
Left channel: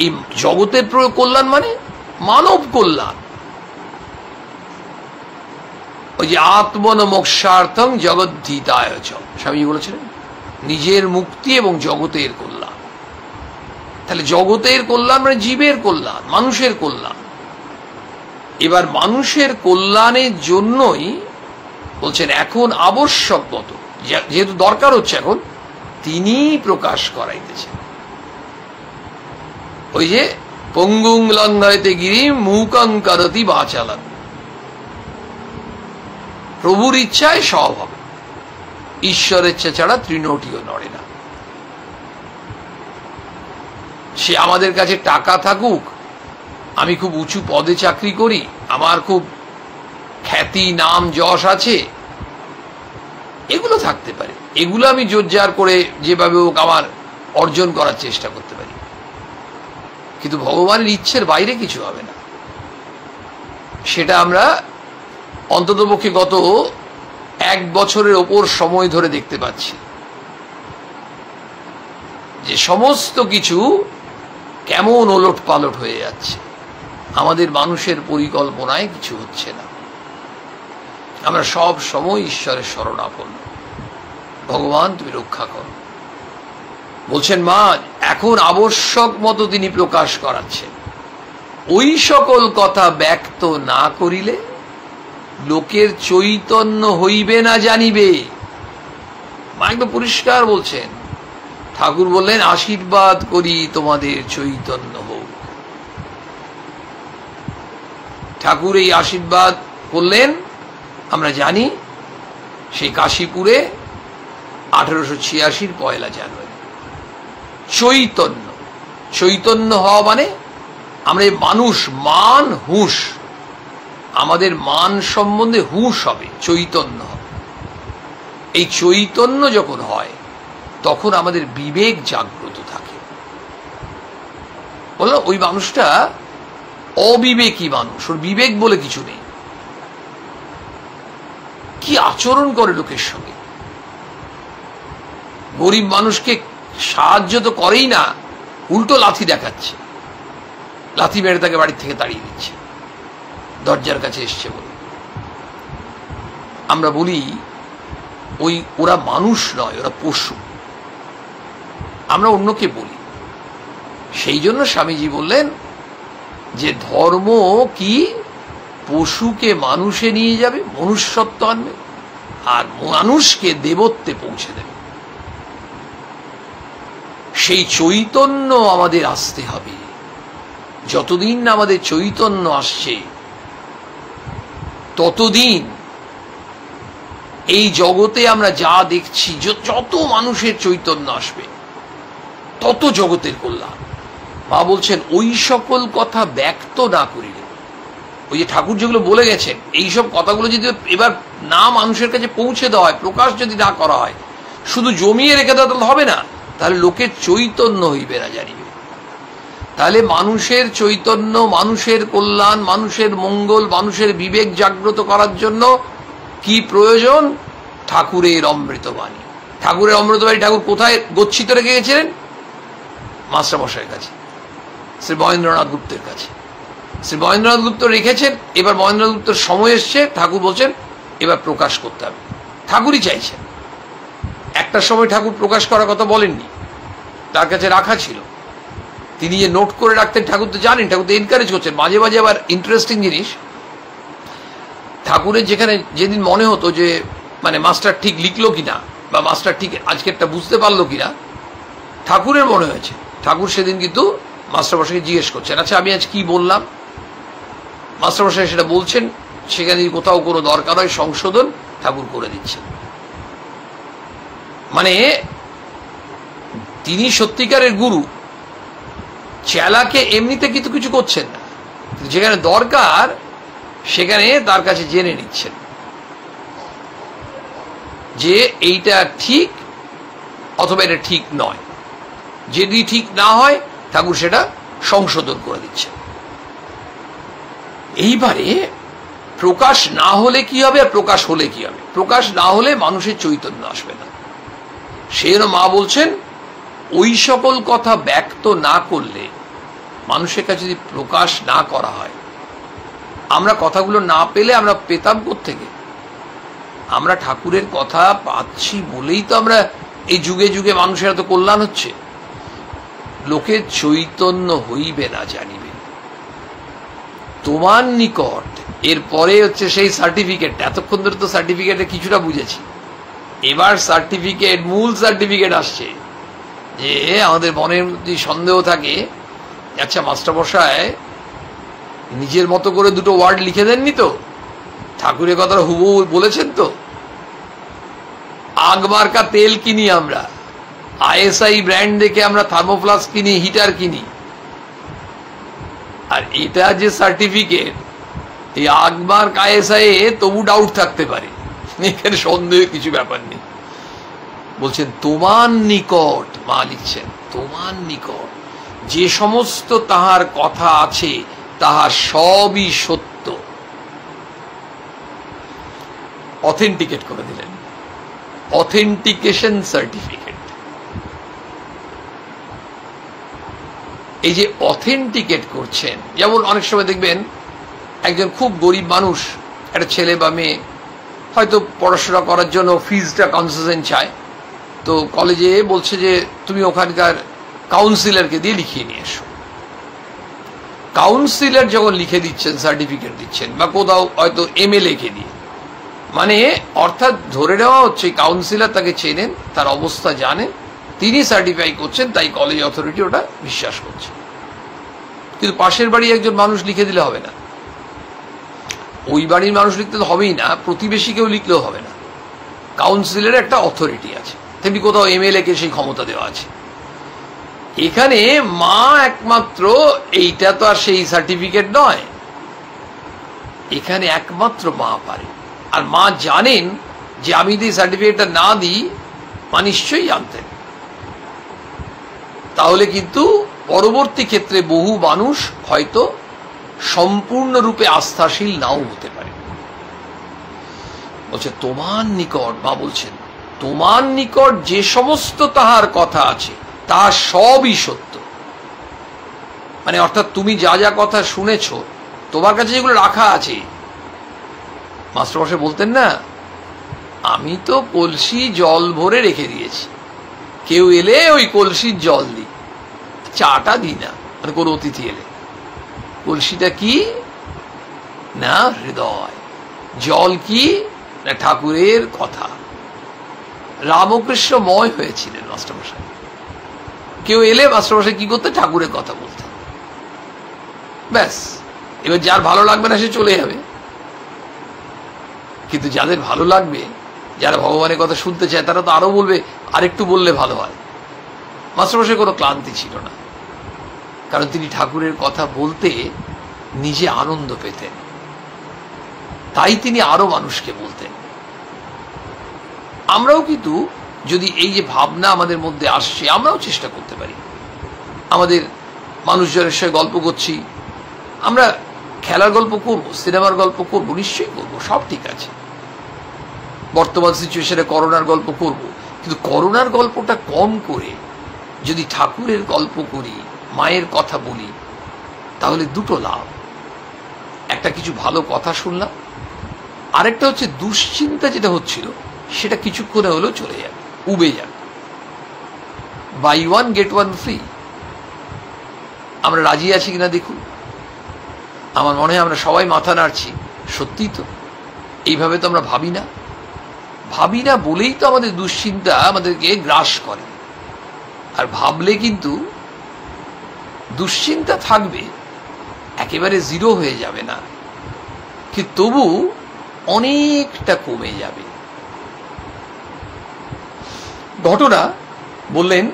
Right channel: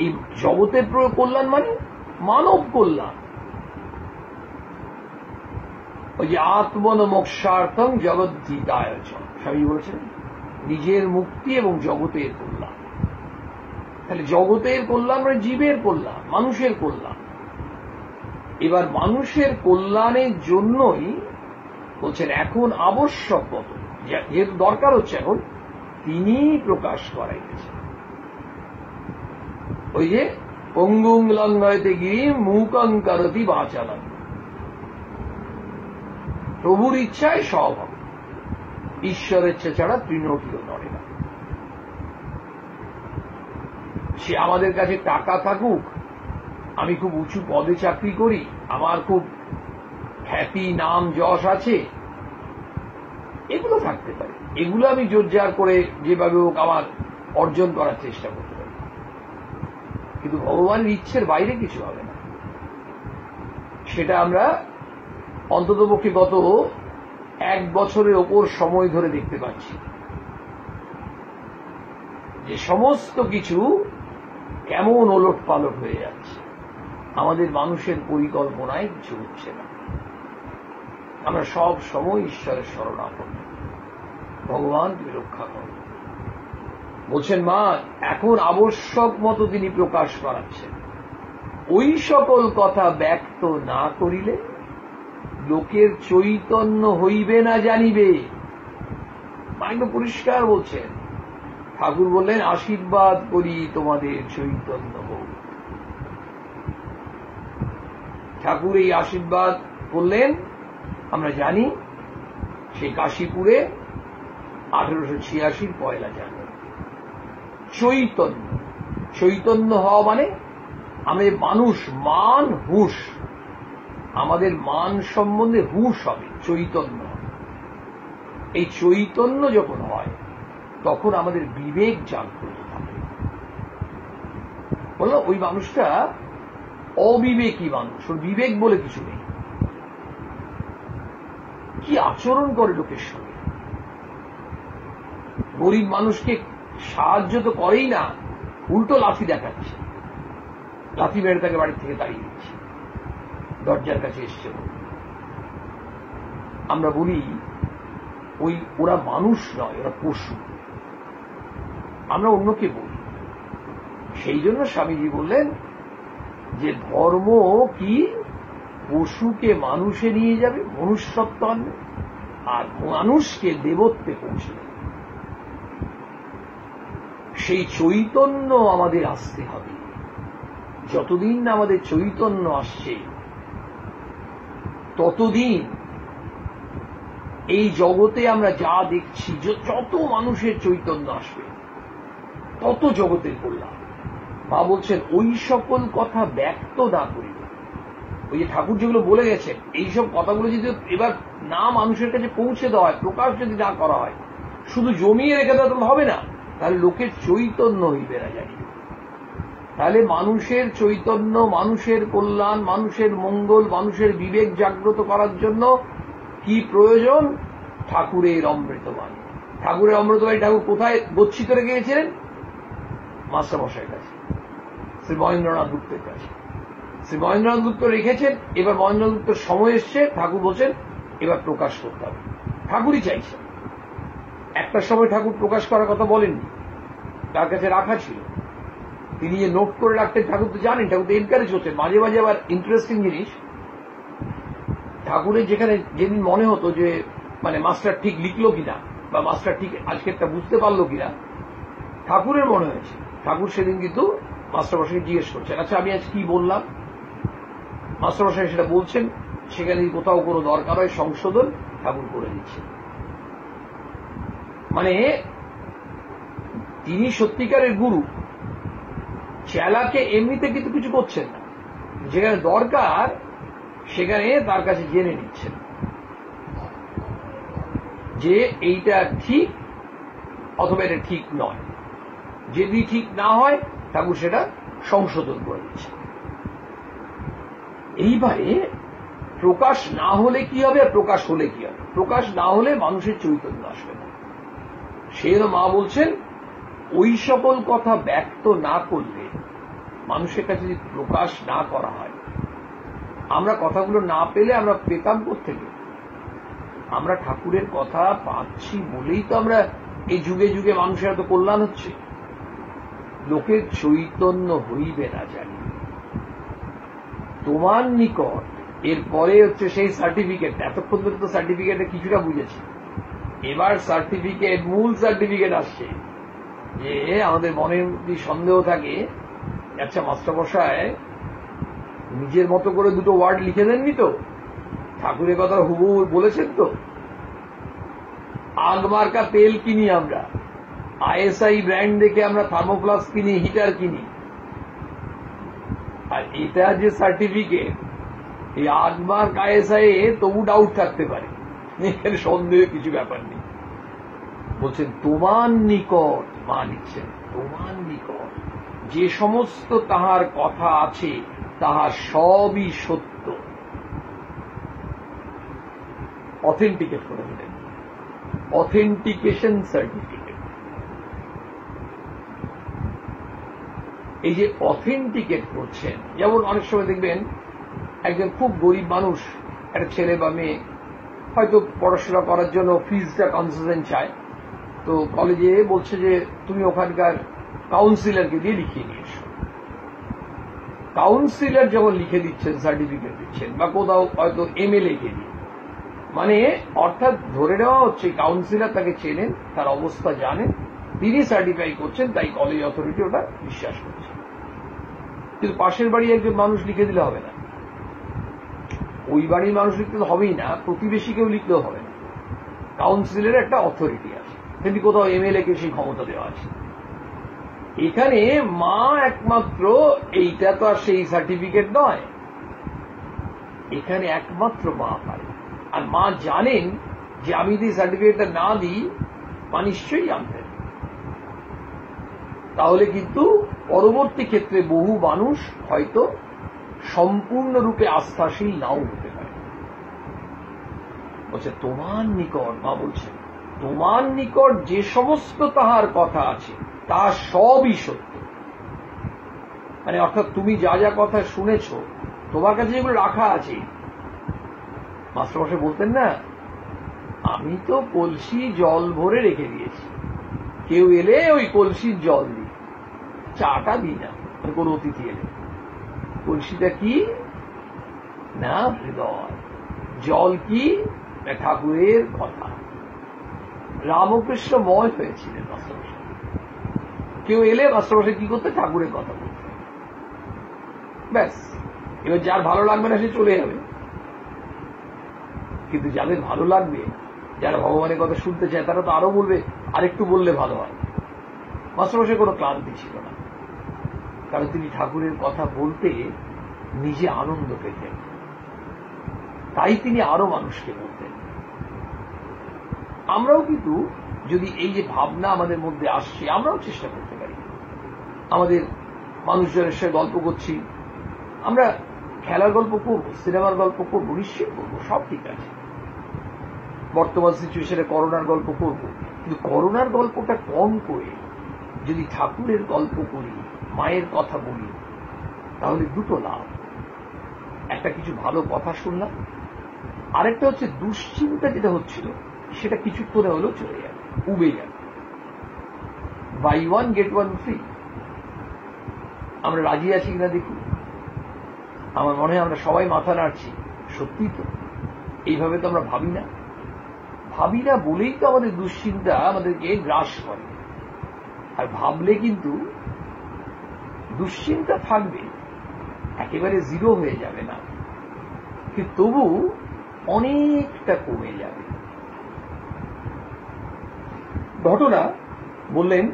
এই জগতের কল্যাণ মানে মানব কল্যাণ। ওই যে আত্মন মোক্ষার্থং জগদ্ধিতায় চ, স্বামী বলেছেন নিজের মুক্তি এবং জগতের কল্যাণ। তাহলে জগতের কল্যাণ মানে জীবের কল্যাণ, মানুষের কল্যাণ। এবার মানুষের কল্যাণের জন্যই বলছেন এখন আবশ্যক মতো, যেহেতু দরকার হচ্ছে, এখন তিনি প্রকাশ করাইতেছেন। ওই যে পঙ্গুং লঙ্ঘয়তে গিরি মূকং করতি বাচালন, প্রভুর ইচ্ছায় সব হবে, ঈশ্বরের ইচ্ছা ছাড়া তৃণটিও নড়ে না। সে আমাদের কাছে টাকা থাকুক, আমি খুব উঁচু পদে চাকরি করি, আমার খুব খ্যাতি নাম যশ আছে, এগুলো থাকতে পারে, এগুলো আমি জোরজার করে যেভাবে হোক আমার অর্জন করার চেষ্টা করতে পারি, কিন্তু ভগবানের ইচ্ছের বাইরে কিছু হবে না। সেটা আমরা অন্ততপক্ষে গত 1 বছরের ওপর সময় ধরে দেখতে পাচ্ছি যে সমস্ত কিছু কেমন ওলট পালট হয়ে যাচ্ছে। আমাদের মানুষের পরিকল্পনায় কিছু হচ্ছে না। আমরা সব সময় ঈশ্বরের শরণাপন্ন, ভগবান তুমি রক্ষা করো। বলছেন মা এখন আবশ্যক মতো তিনি প্রকাশ করাচ্ছেন। ওই সকল কথা ব্যক্ত না করিলে লোকের চৈতন্য হইবে না জানিবে। মা একদম পরিষ্কার বলছেন। ঠাকুর বললেন আশীর্বাদ করি তোমাদের চৈতন্য হোক। ঠাকুর এই আশীর্বাদ করলেন আমরা জানি সেই কাশীপুরে 1886 পয়লা জানুয়ারি। চৈতন্য, চৈতন্য হওয়া মানে আমরা মানুষ, মান হুঁশ, আমাদের মান সম্বন্ধে হুঁশ হবে, চৈতন্য হবে। এই চৈতন্য যখন হয় তখন আমাদের বিবেক জাগ্রত থাকে। বললো ওই মানুষটা অবিবেকী মানুষ, ওর বিবেক বলে কিছু নেই। কি আচরণ করে লোকের সঙ্গে, গরিব মানুষকে সাহায্য তো করেই না, উল্টো লাথি দেখাচ্ছে, লাথি মেরে তাকে বাড়ির থেকে তাড়িয়ে দিচ্ছে, দরজার কাছে এসছে বলে। আমরা বলি ওরা মানুষ নয়, ওরা পশু। আমরা অন্যকে বলি। সেই জন্য স্বামীজি বললেন যে ধর্ম কি পশুকে মানুষে নিয়ে যাবে, মনুষ্যত্ব আনবে, আর মানুষকে দেবত্বে পৌঁছে দেবে। সেই চৈতন্য আমাদের আসতে হবে। যতদিন না আমাদের চৈতন্য আসছে ততদিন এই জগতে আমরা যা দেখছি, যত মানুষের চৈতন্য আসবে তত জগতের কল্যাণ। মা বলছেন ওই সকল কথা ব্যক্ত না করিলে, ওই যে ঠাকুর যেগুলো বলে গেছেন, এইসব কথাগুলো যদি এবার না মানুষের কাছে পৌঁছে দেওয়া হয়, প্রকাশ যদি না করা হয়, শুধু জমিয়ে রেখে দেওয়া তাহলে হবে না। তাহলে লোকের চৈতন্য হইবে না জানিবে। তাহলে মানুষের চৈতন্য, মানুষের কল্যাণ, মানুষের মঙ্গল, মানুষের বিবেক জাগ্রত করার জন্য কি প্রয়োজন? ঠাকুরের অমৃতবাণী। ঠাকুরের অমৃতবাণী ঠাকুর কোথায় গচ্ছিত রেখে গেছিলেন? মাস্টারমশাইয়ের কাছে, শ্রী মহেন্দ্রনাথ গুপ্তের কাছে। শ্রী মহেন্দ্রনাথ গুপ্ত রেখেছেন। এবার মহেন্দ্রনাথ গুপ্তের সময় এসছে, ঠাকুর বলছেন এবার প্রকাশ করতে হবে। ঠাকুরই চাইছেন। একটা সময় ঠাকুর প্রকাশ করার কথা বলেননি, তার কাছে রাখা ছিল। তিনি যে নোট করে রাখতেন, ঠাকুর তো জানেন, ঠাকুর তো এনকারেজ করছেন। মাঝে মাঝে আবার ইন্টারেস্টিং জিনিস, ঠাকুরের যেখানে যেদিন মনে হতো যে মানে মাস্টার ঠিক লিখলো কিনা বা মাস্টার ঠিক আজকেরটা বুঝতে পারলো কিনা, ঠাকুরের মনে হয়েছে, ঠাকুর সেদিন কিন্তু মাস্টারমশাইকে জিজ্ঞেস করছেন, আচ্ছা আমি আজ কি বললাম? মাস্টারমশাই সেটা বলছেন। সেখানে কোথাও কোনো দরকার হয় সংশোধন, ঠাকুর করে দিচ্ছেন। মানে তিনি সত্যিকারের গুরু। চেলাকে এমনিতে কিন্তু কিছু করছেন না, যেখানে দরকার সেখানে তার কাছে জেনে নিচ্ছেন যে এইটা ঠিক অথবা এটা ঠিক নয়। যদি ঠিক না হয় ঠাকুর সেটা সংশোধন করে দিচ্ছেন। এইবারে প্রকাশ না হলে কি হবে আর প্রকাশ হলে কি হবে? প্রকাশ না হলে মানুষের চৈতন্য আসবে না। সেই মা বলছেন ওই সকল কথা ব্যক্ত না করলে, মানুষের কাছে যদি প্রকাশ না করা হয়, আমরা কথাগুলো না পেলে আমরা পেতাম কোত্থেকে? আমরা ঠাকুরের কথা পাচ্ছি বলেই তো আমরা এই যুগে যুগে মানুষের এত কল্যাণ হচ্ছে। লোকের চৈতন্য হইবে না জানিবে তোমার নিকট। এরপরে হচ্ছে সেই সার্টিফিকেট। এতক্ষণ ধরে তো সার্টিফিকেটে কিছুটা বুঝেছি, এবার সার্টিফিকেট, মূল সার্টিফিকেট আসছে। যে আমাদের মনের যদি সন্দেহ থাকে, আচ্ছা মাস্টারমশাই নিজের মতো করে দুটো ওয়ার্ড লিখে দেননি তো? ঠাকুরের কথা হুবহু বলেছেন তো? আগ মার্কা তেল কিনি আমরা, আইএসআই ব্র্যান্ড দেখে আমরা থার্মোফ্লাস্ক কিনি, হিটার কিনি। আর এটা যে সার্টিফিকেট, এই আগ মার্ক আইএসআই তবু ডাউট থাকতে পারে, এখানে সন্দেহ কিছু ব্যাপার নেই। বলছেন তোমার নিকট, মা লিখছেন তোমার নিকট যে সমস্ত তাহার কথা আছে তাহার সবই সত্য। অথেন্টিকেট করে দিলেন, অথেন্টিকেশন সার্টিফিকেট। এই যে অথেন্টিকেট করছেন, যেমন অনেক সময় দেখবেন একজন খুব গরিব মানুষ, একটা ছেলে বা মেয়ে হয়তো পড়াশোনা করার জন্য ফিজটা কনসেশন চায়, তো কলেজে বলছে যে তুমি ওখানকার কাউন্সিলরকে দিয়ে লিখিয়ে নিয়ে এসো। কাউন্সিলর যখন লিখে দিচ্ছেন, সার্টিফিকেট দিচ্ছেন, বা কোথাও হয়তো এমএলএ কে দিয়ে, মানে অর্থাৎ ধরে নেওয়া হচ্ছে কাউন্সিলর তাকে চেনেন, তার অবস্থা জানেন, তিনি সার্টিফাই করছেন, তাই কলেজ অথরিটি ওটা বিশ্বাস করছে। কিন্তু পাশের বাড়ি একজন মানুষ লিখে দিলে হবে না, ওই বাড়ির মানুষ লিখতে তো হবেই না, প্রতিবেশীকেও লিখলেও হবে না। কাউন্সিলের একটা অথরিটি আছে, তেমনি কোথাও এমএলএ কে সেই ক্ষমতা দেওয়া আছে। এখানে মা একমাত্র, এইটা তো আর সেই সার্টিফিকেট নয়, এখানে একমাত্র মা পারে। আর মা জানেন যে আমি যদি সার্টিফিকেটটা না দিই, মা নিশ্চয়ই জানতেন। তাহলে কিন্তু পরবর্তী ক্ষেত্রে বহু মানুষ হয়তো সম্পূর্ণরূপে আস্থাশীল নাও হতে পারে। বলছে তোমার নিকট, মা বলছেন তোমার নিকট যে সমস্ত তাহার কথা আছে তাহার সবই সত্য। মানে অর্থাৎ তুমি যা যা কথা শুনেছ, তোমার কাছে যেগুলো রাখা আছে। মাস্টারমশাই বলতেন না, আমি তো কলসি জল ভরে রেখে দিয়েছি, কেউ এলে ওই কলসির জল দিই, চাটা দিই না। মানে কোন অতিথি এলে কলসিটা কি না হৃদয়, জল কি না ঠাকুরের কথা। রামকৃষ্ণময় হয়েছিলেন মাস্টারমশাই। কেউ এলে মাস্টারমশাই কি করতে, ঠাকুরের কথা বলতেন, ব্যাস। এবার যার ভালো লাগবে না সে চলে যাবে, কিন্তু যাদের ভালো লাগবে, যারা ভগবানের কথা শুনতে চায়, তারা তো আরো বলবে আরেকটু বললে ভালো হয়। মাস্টারমশাই কোনো ক্লান্তি ছিল না, কারণ তিনি ঠাকুরের কথা বলতে নিজে আনন্দ পেতেন, তাই তিনি আরো মানুষকে বলতেন। আমরাও কিন্তু যদি এই যে ভাবনা আমাদের মধ্যে আসছে, আমরাও চেষ্টা করতে পারি। আমাদের মানুষজনের সাথে গল্প করছি, আমরা খেলার গল্প করব, সিনেমার গল্প করব, নিশ্চয়ই করব, সব ঠিক আছে। বর্তমান সিচুয়েশনে করোনার গল্প করব, কিন্তু করোনার গল্পটা কম করে যদি ঠাকুরের গল্প করি, মায়ের কথা বলি, তাহলে দুটো লাভ। একটা কিছু ভালো কথা শুনলাম, আরেকটা হচ্ছে দুশ্চিন্তা যেটা হচ্ছিল সেটা কিছুক্ষণে হলেও চলে যাবে, উবে যাবে। Buy one get one free. আমরা রাজি আছি কিনা দেখুন। আমার মনে হয় আমরা সবাই মাথা নাড়ছি। সত্যি তো, এইভাবে তো আমরা ভাবি না বলেই তো আমাদের দুশ্চিন্তা আমাদেরকে গ্রাস করে। আর ভাবলে কিন্তু দুশ্চিন্তা থাকবে, একেবারে জিরো হয়ে যাবে না, কিন্তু তবু অনেকটা কমে যাবে। ঘটনা বললেন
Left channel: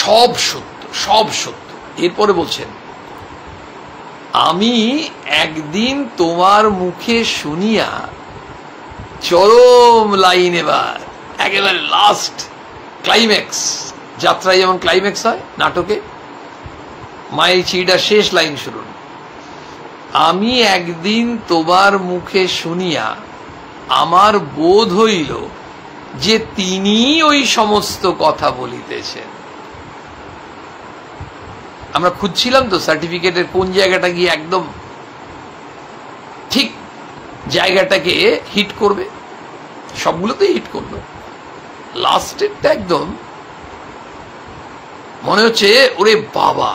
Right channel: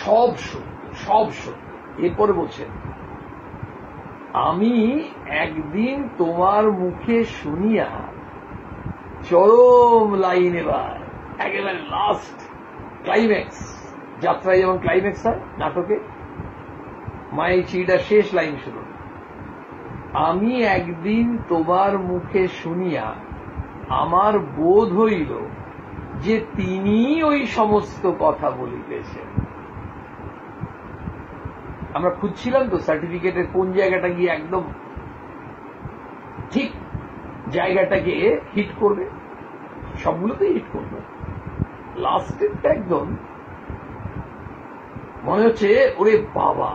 সব সত্য, সব সত্য। এরপরে বলছেন, আমি একদিন তোমার মুখে শুনিয়া, চরম লাইন, এবার একেবারে লাস্ট ক্লাইম্যাক্স। যাত্রায় যেমন ক্লাইম্যাক্স হয় নাটকে, মায়ের চিঠিটা শেষ লাইন শুনুন। আমি একদিন তোমার মুখে শুনিয়া আমার বোধ হইল যে তিনি ওই সমস্ত কথা বলিতেছেন। আমরা খুঁজছিলাম তো সার্টিফিকেটের কোন জায়গাটা গিয়ে একদম ঠিক জায়গাটাকে হিট করবে। সবগুলোতেই হিট করলো, লাস্টেরটা একদম মনে হচ্ছে ওরে বাবা,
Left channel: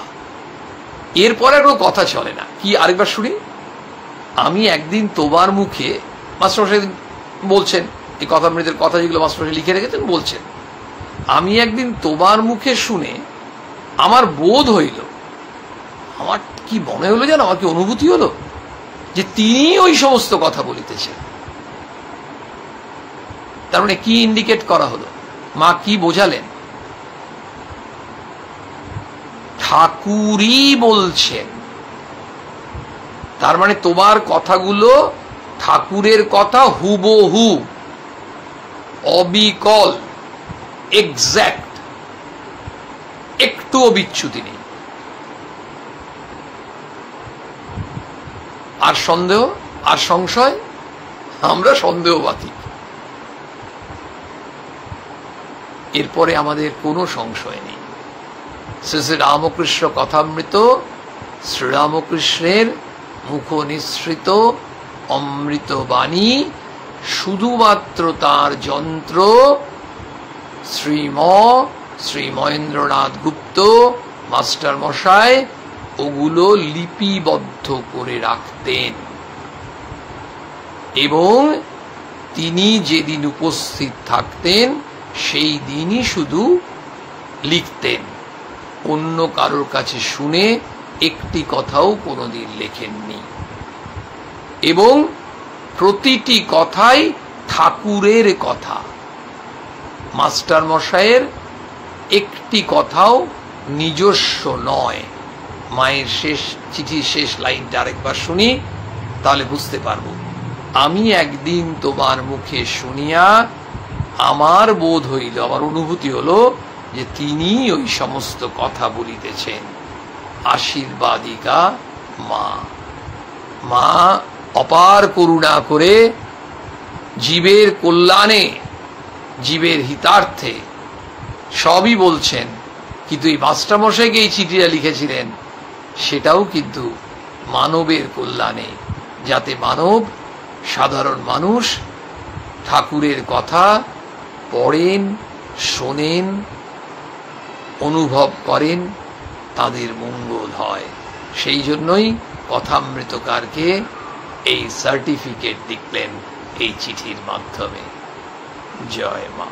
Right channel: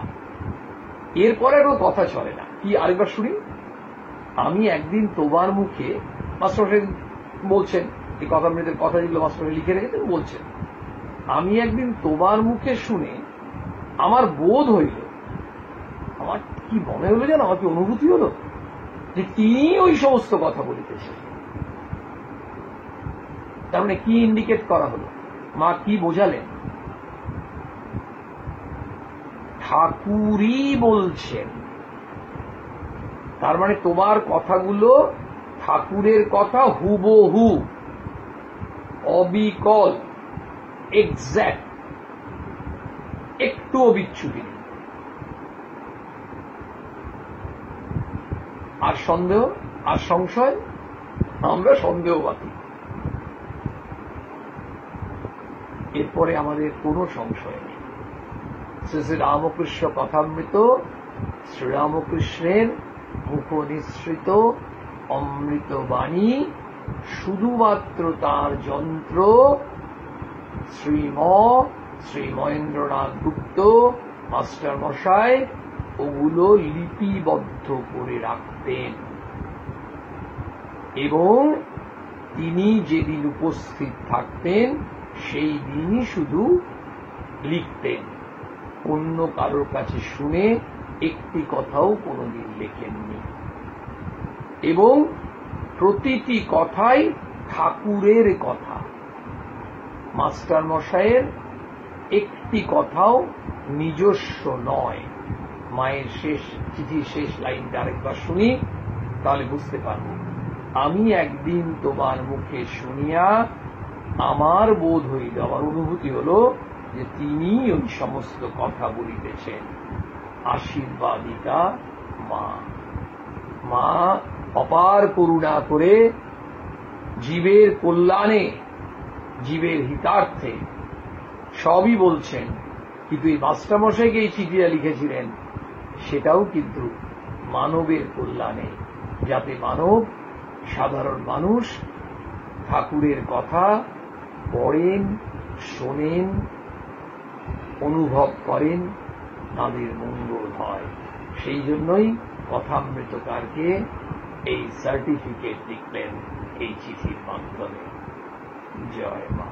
এরপরে কোনো কথা চলে না। কি, আরেকবার শুনি। আমি একদিন তোমার মুখে, মাস্টারমশাই বলছেন, এই কথামৃতের কথা যেগুলো মাস্টারমশাই লিখে রেখেছেন বলছেন, আমি একদিন তোমার মুখে শুনে আমার বোধ হইল, আমার কি মনে হলো জানো, আমার কি অনুভূতি হলো যে তিনি ওই সমস্ত কথা বলিতেছেন। তার মানে কি ইন্ডিকেট করা হলো? মা কি বোঝালেন? ঠাকুরই বলছেন। তার মানে তোমার কথাগুলো ঠাকুরের কথা, হুবহু, অবিকল, এক্সাক্ট, একটুও বিচ্যুতি নেই। আর সন্দেহ, আর সংশয়? আমরা সন্দেহবাদী। এরপরে আমাদের কোনো সংশয় নেই। শ্রী শ্রী রামকৃষ্ণ কথামৃত, শ্রীরামকৃষ্ণের মুখ নিঃসৃত অমৃত বাণী, শুধুমাত্র তার যন্ত্র শ্রী মহেন্দ্রনাথ গুপ্ত মাস্টার মশাই ওগুলো লিপিবদ্ধ করে রাখতেন, এবং তিনি যেদিন উপস্থিত থাকতেন সেই দিনই শুধু লিখতেন, অন্য কারোর কাছে শুনে একটি কথাও কোনোদিন লেখেননি। এবং প্রতিটি কথাই ঠাকুরের কথা, মাস্টার মশাইয়ের একটি কথাও নিজস্ব নয়। মায়ের শেষ চিঠির শেষ লাইনটা আরেকবার শুনি, তাহলে বুঝতে পারবো। আমি একদিন তোমার মুখে শুনিয়া আমার বোধ হইল, আমার অনুভূতি হলো যে তিনি ওই সমস্ত কথা বলিতেছেন। আশীর্বাদিকা মা। মা অপার করুণা করে জীবের কল্যাণে, জীবের হিতার্থে সবই বলছেন, কিন্তু এই মাস্টারমশাইকে এই চিঠিটা লিখেছিলেন সেটাও কিন্তু মানবের কল্যাণে, যাতে মানব, সাধারণ মানুষ ঠাকুরের কথা পড়েন, শোনেন, অনুভব করেন, তাদের মঙ্গল হয়। সেই জন্যই কথামৃতকারকে এই সার্টিফিকেট দিলেন এই চিঠির মাধ্যমে। জয় মা।